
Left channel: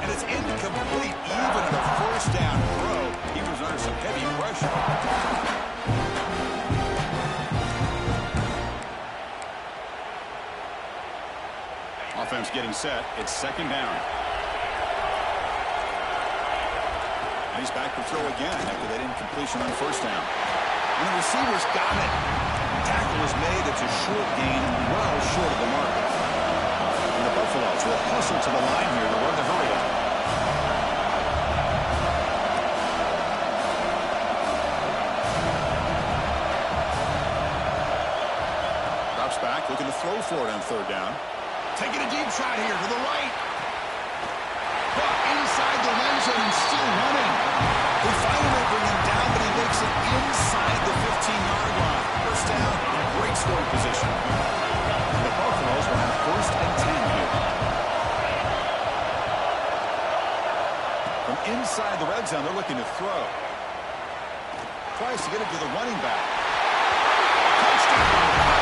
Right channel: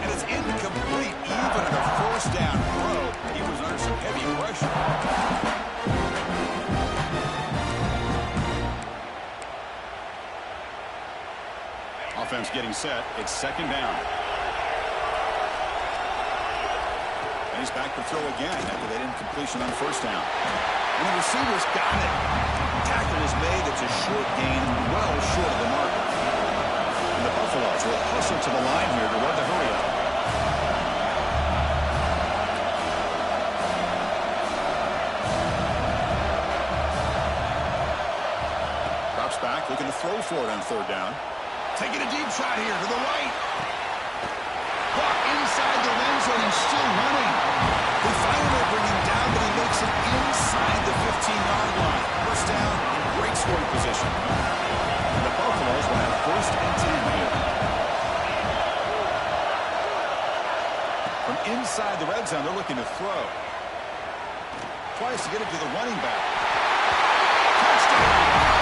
And it's incomplete even at a first down throw. He was under some heavy pressure. Offense getting set. It's second down. And he's back to throw again after that incompletion on first down. And the receiver's got it. Tackle is made. It's a short gain, well short of the marker. And the Buffaloes will hustle to the line here to run the hurry up. Drops back, looking to throw for it on third down. Taking a deep shot here to the right. Caught inside the end zone and still running. They finally bring him down, but he makes it inside the 15-yard line. First down, in great scoring position. And the Buffaloes will have first and 10 here. From inside the red zone, they're looking to throw. Tries to get it to the running back. Touchdown!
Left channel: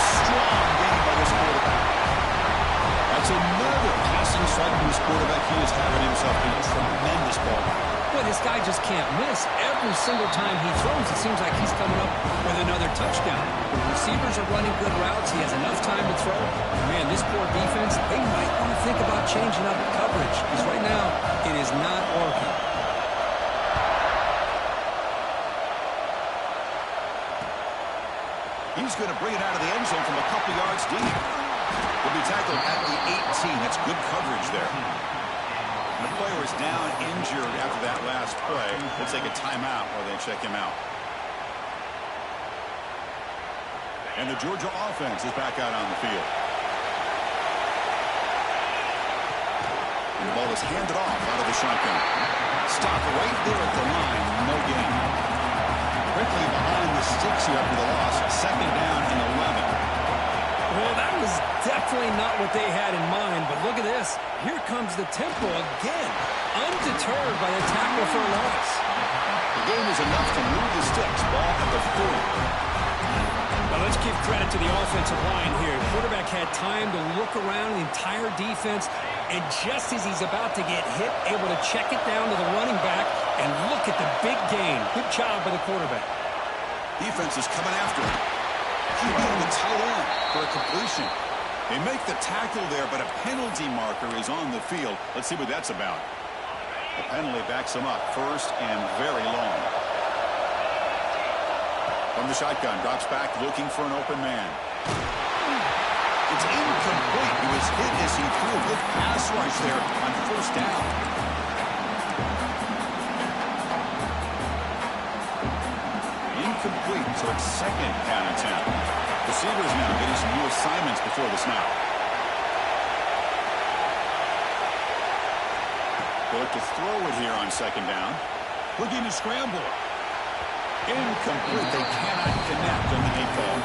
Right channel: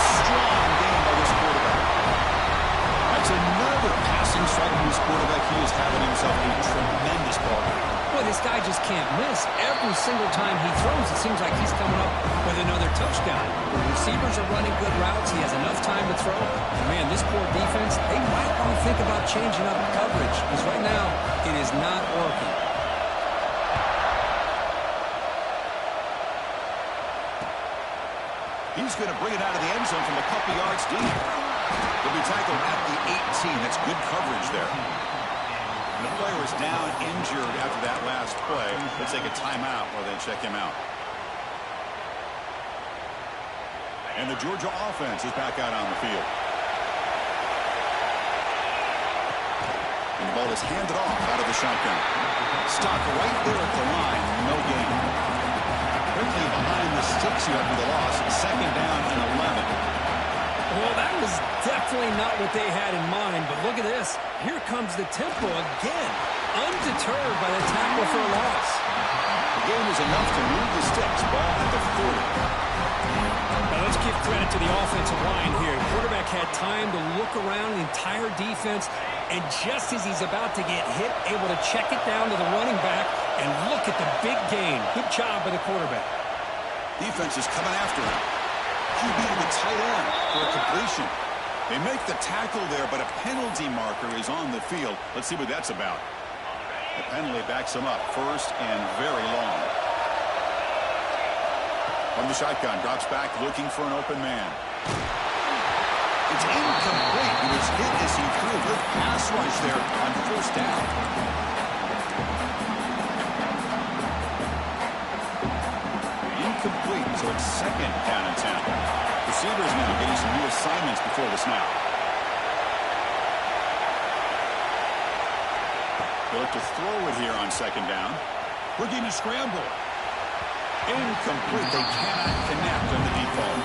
Strong game by this quarterback. That's another passing strike from this quarterback. He is having himself a tremendous ball game. Well, this guy just can't miss. Every single time he throws, it seems like he's coming up with another touchdown. The receivers are running good routes. He has enough time to throw. And man, this poor defense, they might want to think about changing up coverage, because right now it is not working. He's going to bring it out of the end zone from a couple yards deep. He'll be tackled at the 18. That's good coverage there. And the player is down injured after that last play. We'll take a timeout while they check him out. And the Georgia offense is back out on the field. And the ball is handed off out of the shotgun. Stop right there at the line. No gain. Quickly behind the sticks here after the loss. Second down and 11. Well, that was definitely not what they had in mind, but look at this. Here comes the tempo again, undeterred by the tackle for a loss. The game is enough to move the sticks. Ball at the 40. Well, let's give credit to the offensive line here. The quarterback had time to look around the entire defense, and just as he's about to get hit, able to check it down to the running back, and look at the big gain. Good job by the quarterback. Defense is coming after him. He beat the tight end for a completion. They make the tackle there, but a penalty marker is on the field. Let's see what that's about. The penalty backs him up. First and very long. From the shotgun, drops back looking for an open man. It's incomplete. He was hit as he threw. Good pass rush there on first down. Incomplete, so it's second down and 10. Receivers now getting some new assignments before the snap. They look to throw it here on second down. Looking to scramble. Incomplete. They cannot connect on the deep ball.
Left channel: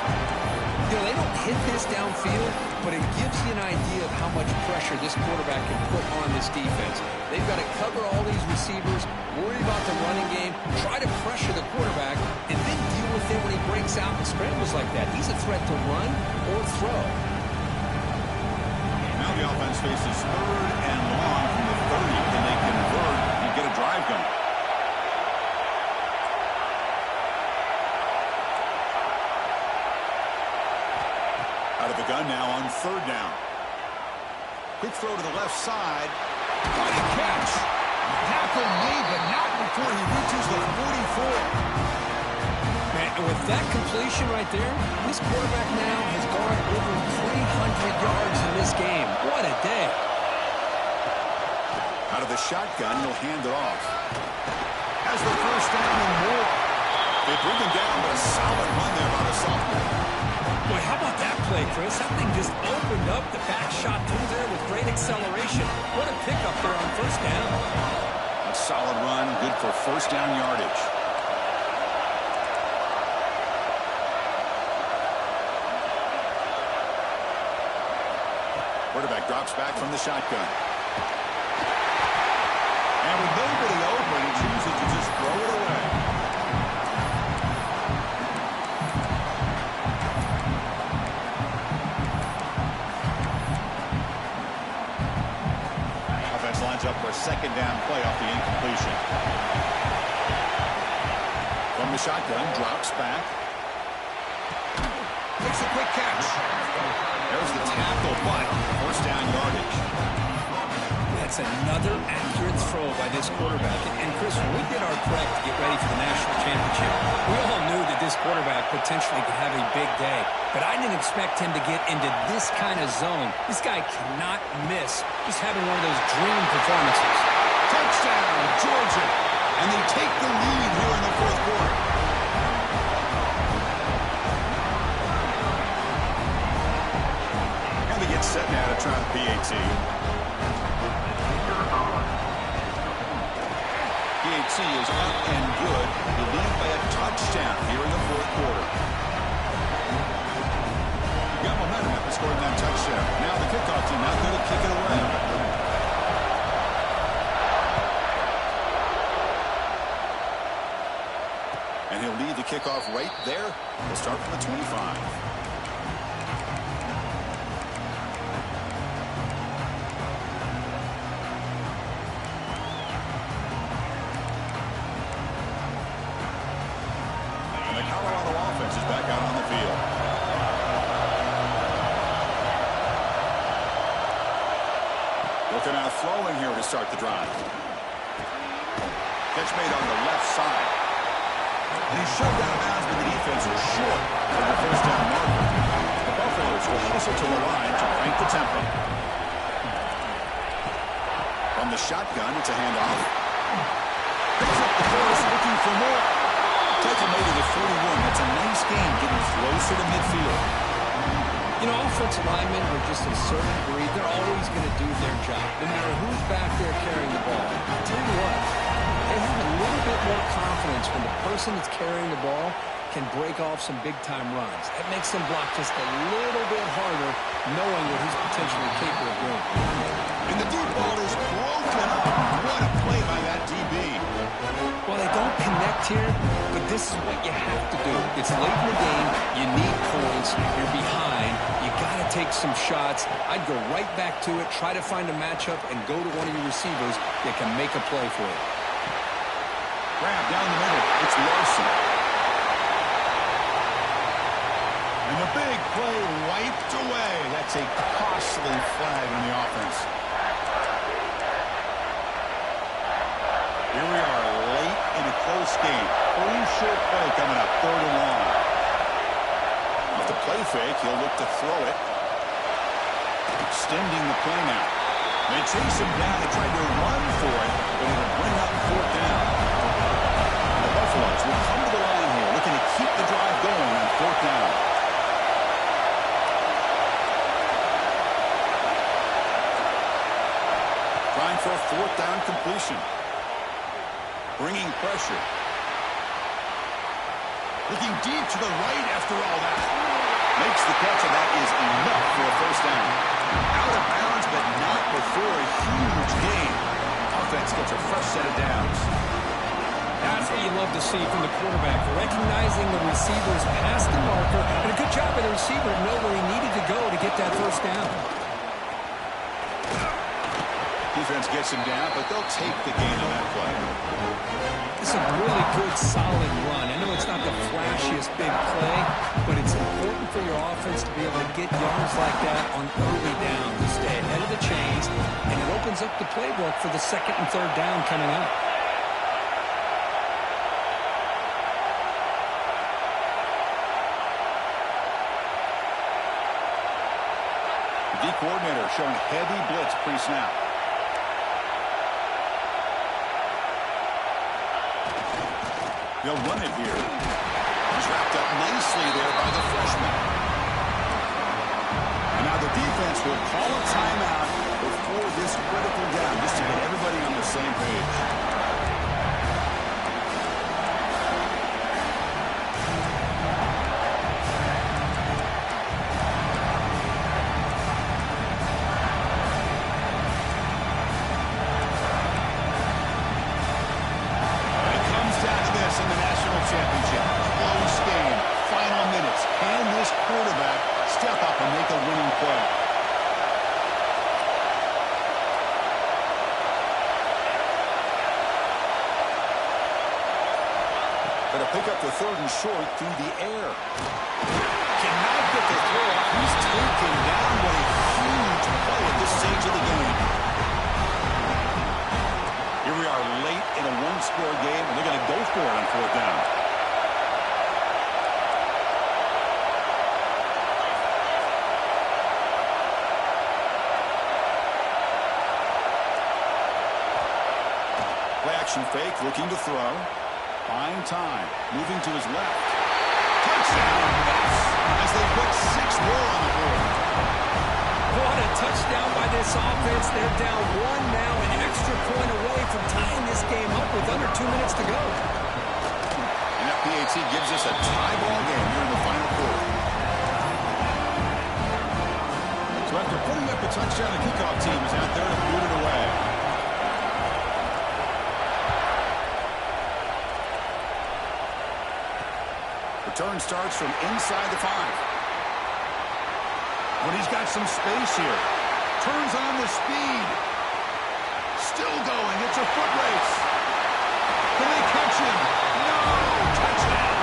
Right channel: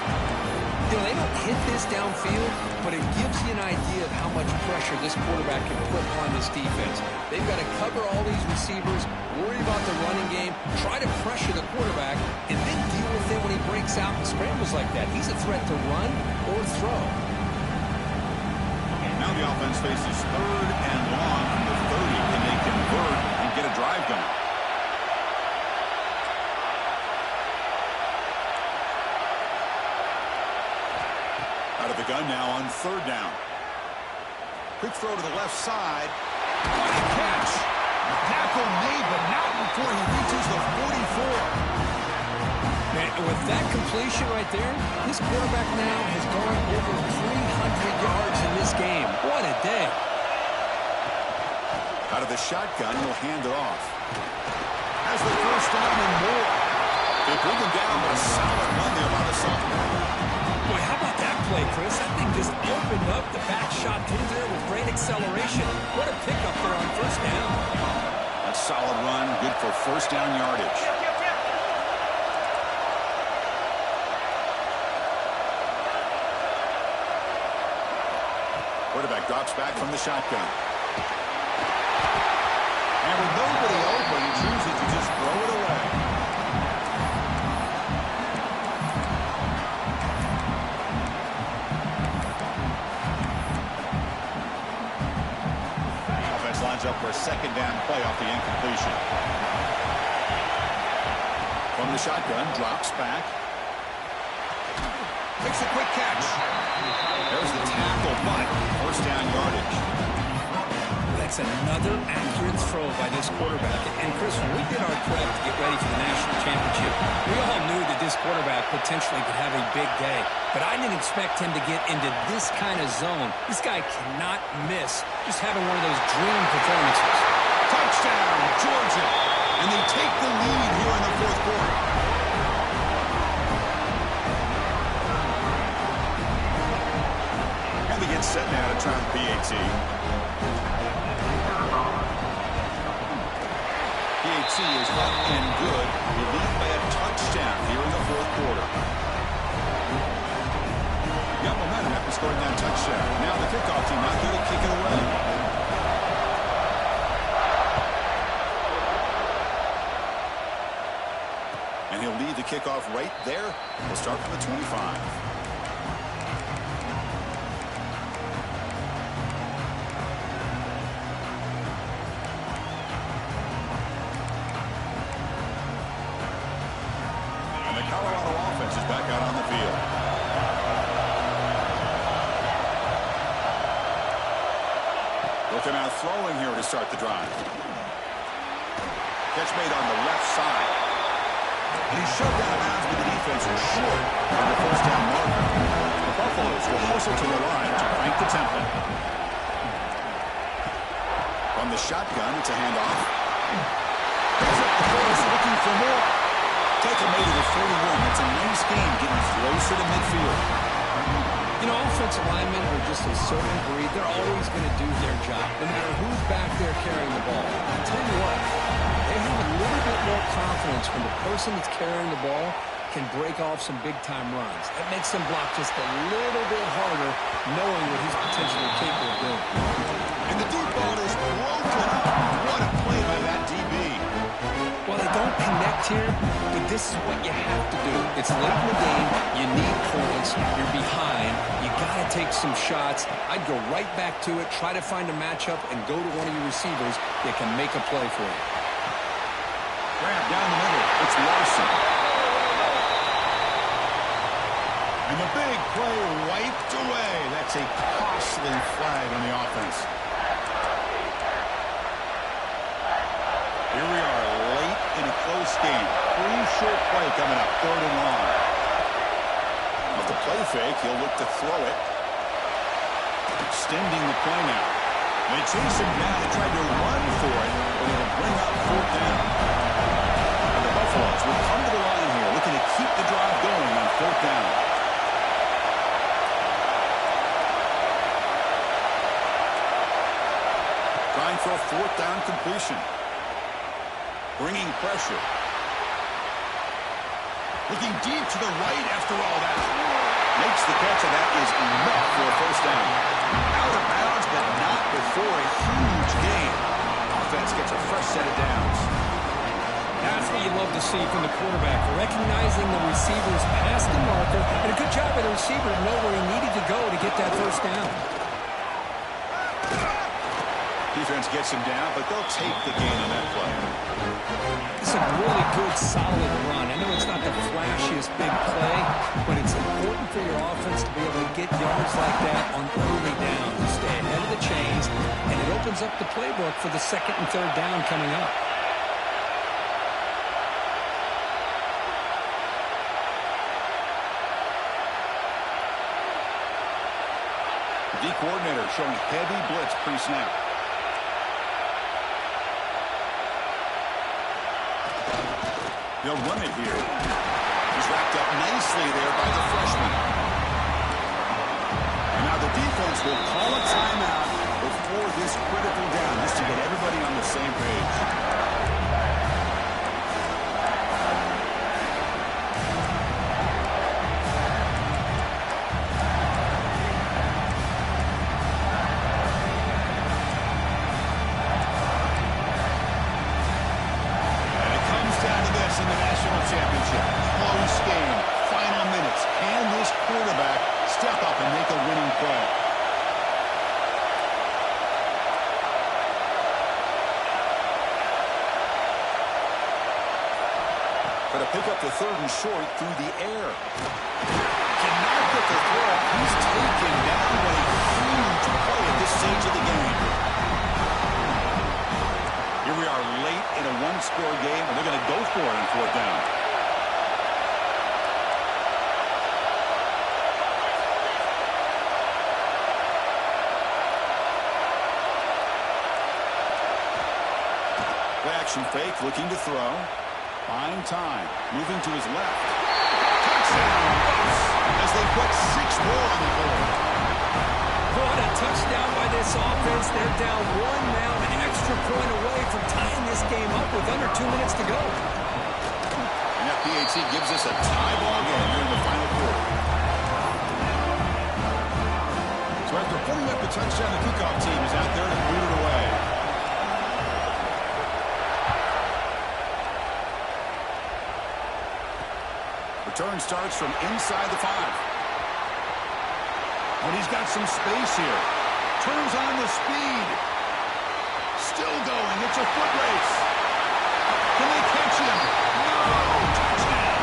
You know, they don't hit this downfield, but it gives you an idea of how much pressure this quarterback can put on this defense. They've got to cover all these receivers, worry about the running game, try to pressure the quarterback, and then deal with it when he breaks out and scrambles like that. He's a threat to run or throw. Now the offense faces third and long from the 30. Can they convert and get a drive going? Out of the gun now on third down. Quick throw to the left side. What a catch! Tackle made, but not before he reaches the 44. Man, and with that completion right there, this quarterback now has gone over 300 yards in this game. What a day. Out of the shotgun, he'll hand it off. Has the first down and more. They bring him down, but a solid run there by the sophomore. Boy, how about that play, Chris? That thing just opened up. The back shot through there with great acceleration. What a pickup there on first down. A solid run, good for first down yardage. Quarterback drops back from the shotgun. And with nobody open, he chooses to just throw it away. Offense lines up for a second down play off the incompletion. From the shotgun, drops back. Makes a quick catch. There's the tackle, but first down yardage. That's another accurate throw by this quarterback. And, Chris, when we did our prep to get ready for the national championship, we all knew that this quarterback potentially could have a big day. But I didn't expect him to get into this kind of zone. This guy cannot miss just having one of those dream performances. Touchdown, Georgia. And they take the lead here in the fourth quarter. And they get set now to try the PAT. PAT is up and good. You lead by a touchdown here in the fourth quarter. You got momentum after scoring that touchdown. Now the kickoff team out there to kick it away. And he'll lead the kickoff right there. We'll start from the 25. Is back out on the field. Looking out throwing here to start the drive. Catch made on the left side. And he's shoved out of bounds, but the defense is short of the first down marker. The Buffaloes will hustle to the line to crank the tempo. From the shotgun, it's a handoff. Picks up the force, looking for more. Tackle made to the 41. That's a nice game, getting closer to midfield. You know, offensive linemen are just a certain breed. They're always going to do their job, no matter who's back there carrying the ball. I'll tell you what, they have a little bit more confidence when the person that's carrying the ball can break off some big-time runs. That makes them block just a little bit harder, knowing what he's potentially capable of doing. And the deep ball is broken up. What a play by that DB. Well, they don't connect here, but this is what you have to do. It's late in the game. You need points. You're behind. You got to take some shots. I'd go right back to it, try to find a matchup, and go to one of your receivers that can make a play for you. Grab down the middle. It's Larson. And the big play wiped away. That's a costly flag on the offense. Here we are late in a close game. Crucial play coming up, third and long. Off the play fake, he'll look to throw it. Extending the play now. They chase him down and tried to run for it, but it'll bring up fourth down. And the Buffaloes will come to the line here, looking to keep the drive going on fourth down. Trying for a fourth down completion. Bringing pressure. Looking deep to the right after all that. Makes the catch, and that is enough for a first down. Out of bounds, but not before a huge gain. Offense gets a fresh set of downs. That's what you love to see from the quarterback, recognizing the receivers past the marker, and a good job by the receiver to know where he needed to go to get that first down. Defense gets him down, but they'll take the gain on that play. It's a really good, solid run. I know it's not the flashiest big play, but it's important for your offense to be able to get yards like that on early downs. You stay ahead of the chains, and it opens up the playbook for the second and third down coming up. The coordinator showing heavy blitz pre-snap. They'll run it here. He's wrapped up nicely there by the freshman. And now the defense will call a timeout before this critical down, just to get everybody on the same page. In the national championship, close game, final minutes. Can this quarterback step up and make a winning play? Going to pick up the third and short through the air. Cannot get the throw off. He's taken down. What a huge play at this stage of the game. Here we are late in a one-score game, and they're going to go for it on fourth down. Play action fake, looking to throw. Buying time, moving to his left. Touchdown, Buffs, as they put 6 more on the board. What a touchdown by this offense. They're down 1 now, an extra point away from tying this game up with under 2 minutes to go. And that PAT gives us a tie ball game here in the final quarter. So after putting up the touchdown, the kickoff team is out there to boot it away. Return starts from inside the 5. When he's got some space here. Turns on the speed. Still going. It's a foot race. Can they catch him? No! Touchdown!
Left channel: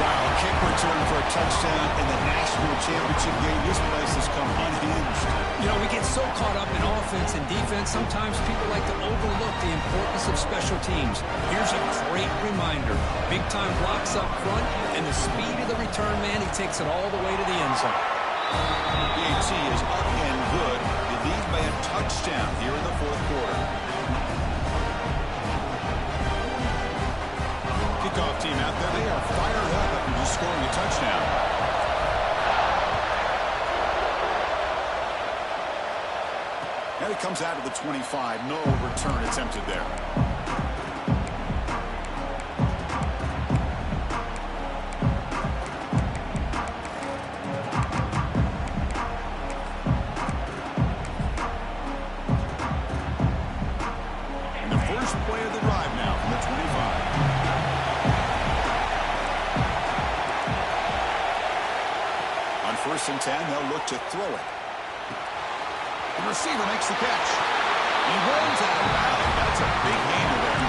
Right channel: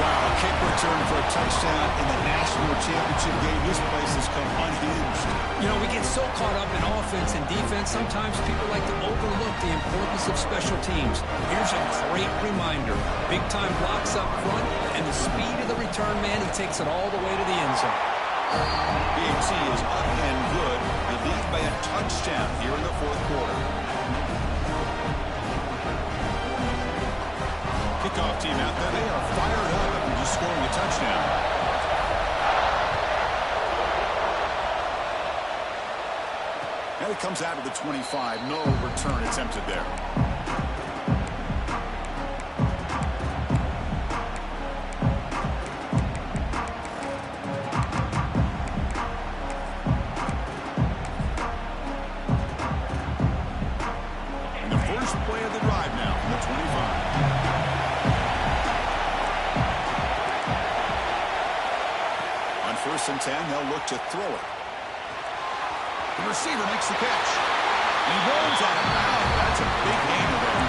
Wow, a kick return for a touchdown in the national championship game. This place has come unhinged. You know, we get so caught up in offense and defense, sometimes people like to overlook the importance of special teams. Here's a great reminder. Big-time blocks up front, and the speed of the return man, he takes it all the way to the end zone. PAT is up and good. They lead by a touchdown here in the fourth quarter. Kickoff team out there, they are fired up after just scoring a touchdown. And it comes out of the 25. No return attempted there. First and 10, they'll look to throw it. The receiver makes the catch. He rolls out of bounds. That's a big gainer there.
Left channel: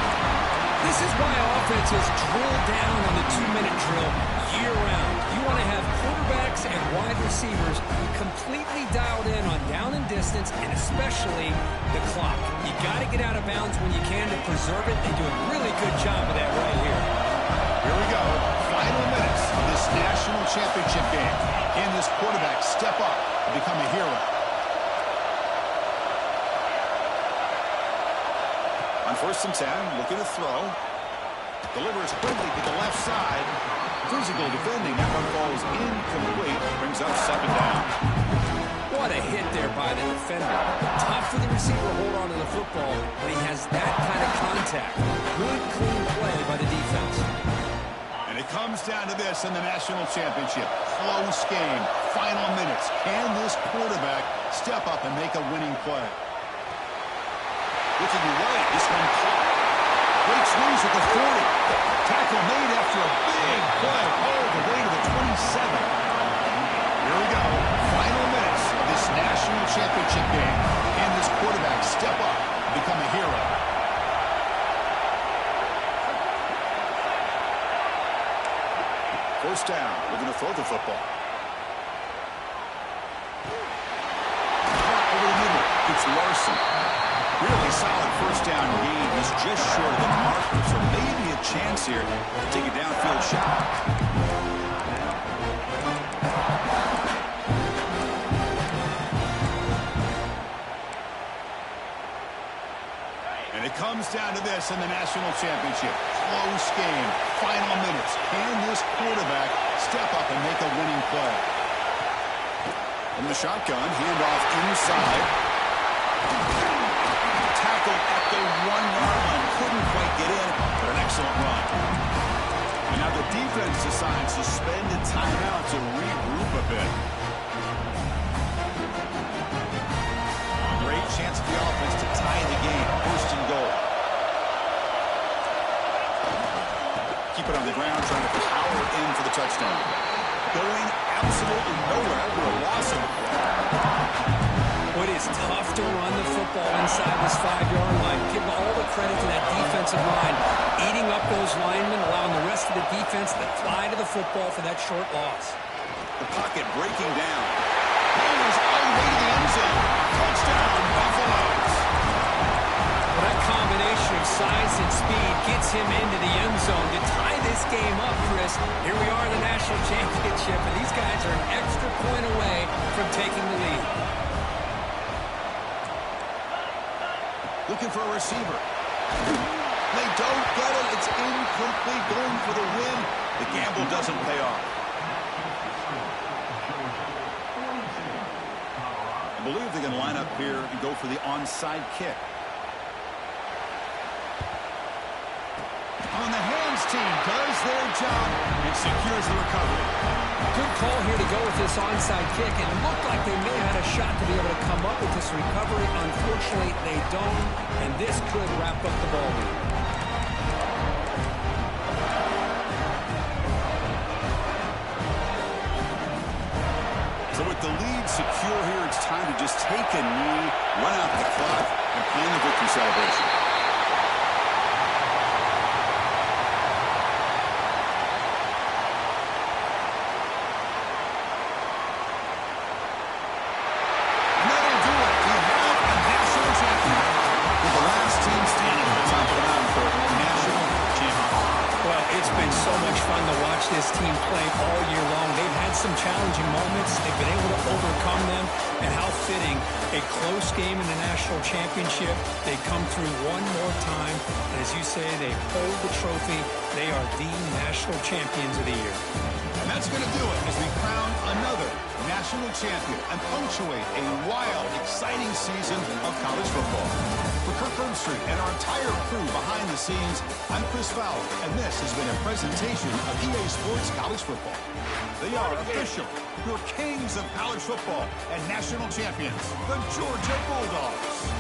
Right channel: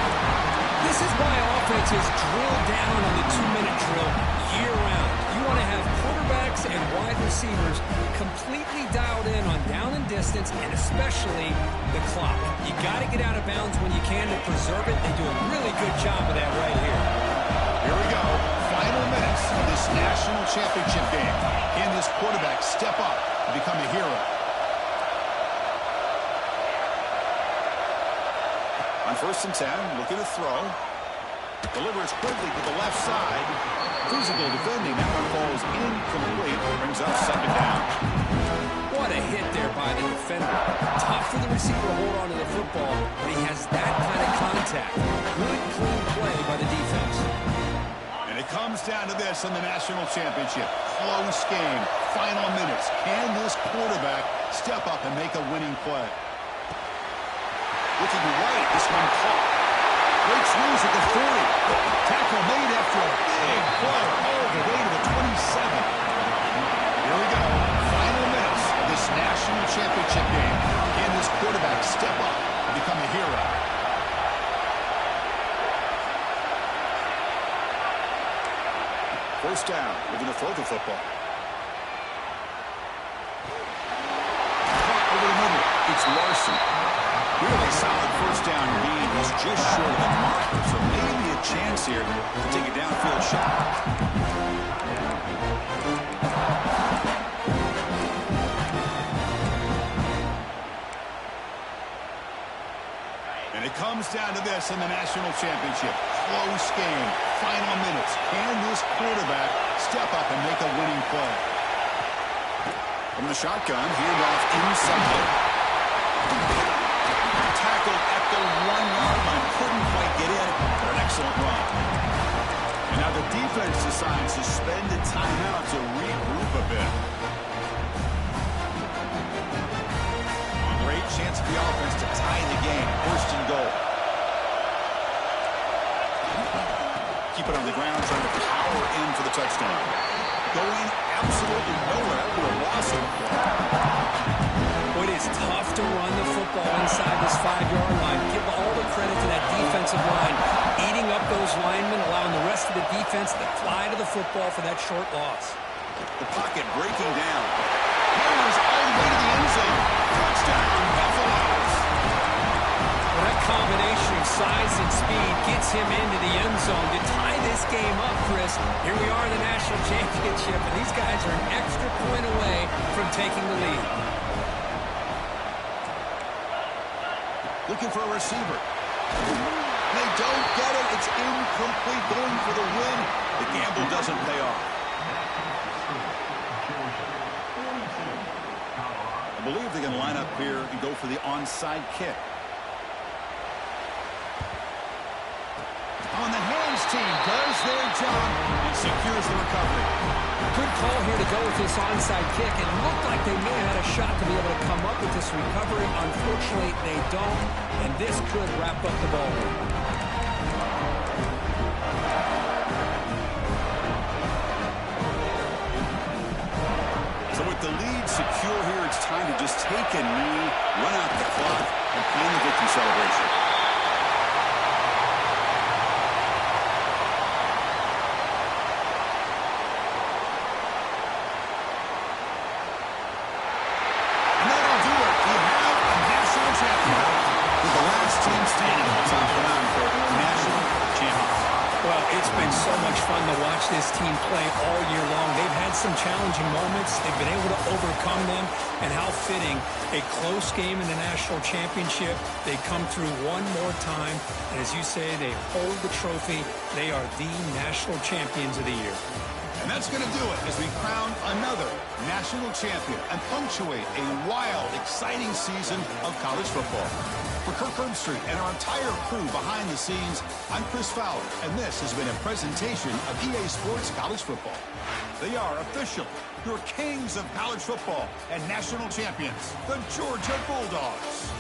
This is why offenses drill down on the 2-minute drill year-round. You want to have quarterbacks and wide receivers completely dialed in on down and distance, and especially the clock. You got to get out of bounds when you can to preserve it. They do a really good job of that right here. Here we go. Final minutes of this national championship game. Can this quarterback step up and become a hero? On first and 10, looking to throw. Delivers quickly to the left side. Physical defending. That one falls incomplete. Brings up second down. What a hit there by the defender. Tough for the receiver to hold on to the football, but he has that kind of contact. Good, clean play by the defense. And it comes down to this in the national championship. Close game. Final minutes. Can this quarterback step up and make a winning play? Looking right. This one caught. Breaks loose at the 40. Tackle made after a big play all the way to the 27. Here we go. Final minutes of this national championship game. Can this this quarterback step up and become a hero. First down, we're going to throw the football. Caught over the middle. It's Larson. Really solid first down gain. He's just short of the marker, so maybe a chance here to take a downfield shot. And it comes down to this in the national championship. Close game. Final minutes. Can this quarterback step up and make a winning play? From the shotgun, handoff inside. Tackled at the 1-yard line. Couldn't quite get in, but an excellent run. And now the defense decides to spend a timeout to regroup a bit. Great chance for the offense to tie the game. First and goal. Keep it on the ground, trying to power in for the touchdown. Going absolutely nowhere after a loss of the play. Well, it is tough to run the football inside this 5-yard line. Give all the credit to that defensive line. Eating up those linemen, allowing the rest of the defense to fly to the football for that short loss. The pocket breaking down. Players all the way to the end zone. Touchdown, Buffaloes. Well, that combination of size and speed gets him into the end zone to tie this game up, Chris. Here we are in the national championship, and these guys are an extra point away from taking the lead. Looking for a receiver. They don't get it. It's incomplete. Going for the win. The gamble doesn't pay off. I believe they can line up here and go for the onside kick. On the hands team does their job and secures the recovery. Good call here to go with this onside kick. It looked like they may have had a shot to be able to come up with this recovery. Unfortunately, they don't, and this could wrap up the ball game. So with the lead secure here, it's time to just take a knee, run out the clock, and plan the victory celebration. And that'll do it. We have a national champion. With the last team standing at the top of the mountain for national champions. Well, it's been so much fun to watch this team play all year long. They've had some challenging moments. They've been able to overcome them. And how fitting, a close game in the national championship. They come through one more time. And as you say, they hold the trophy. They are the national champions of the year. And that's going to do it as we crown another national champion and punctuate a wild, exciting season of college football. For Kirk Herbstreit and our entire crew behind the scenes, I'm Chris Fowler, and this has been a presentation of EA Sports College Football. They are official, your kings of college football and national champions, the Georgia Bulldogs.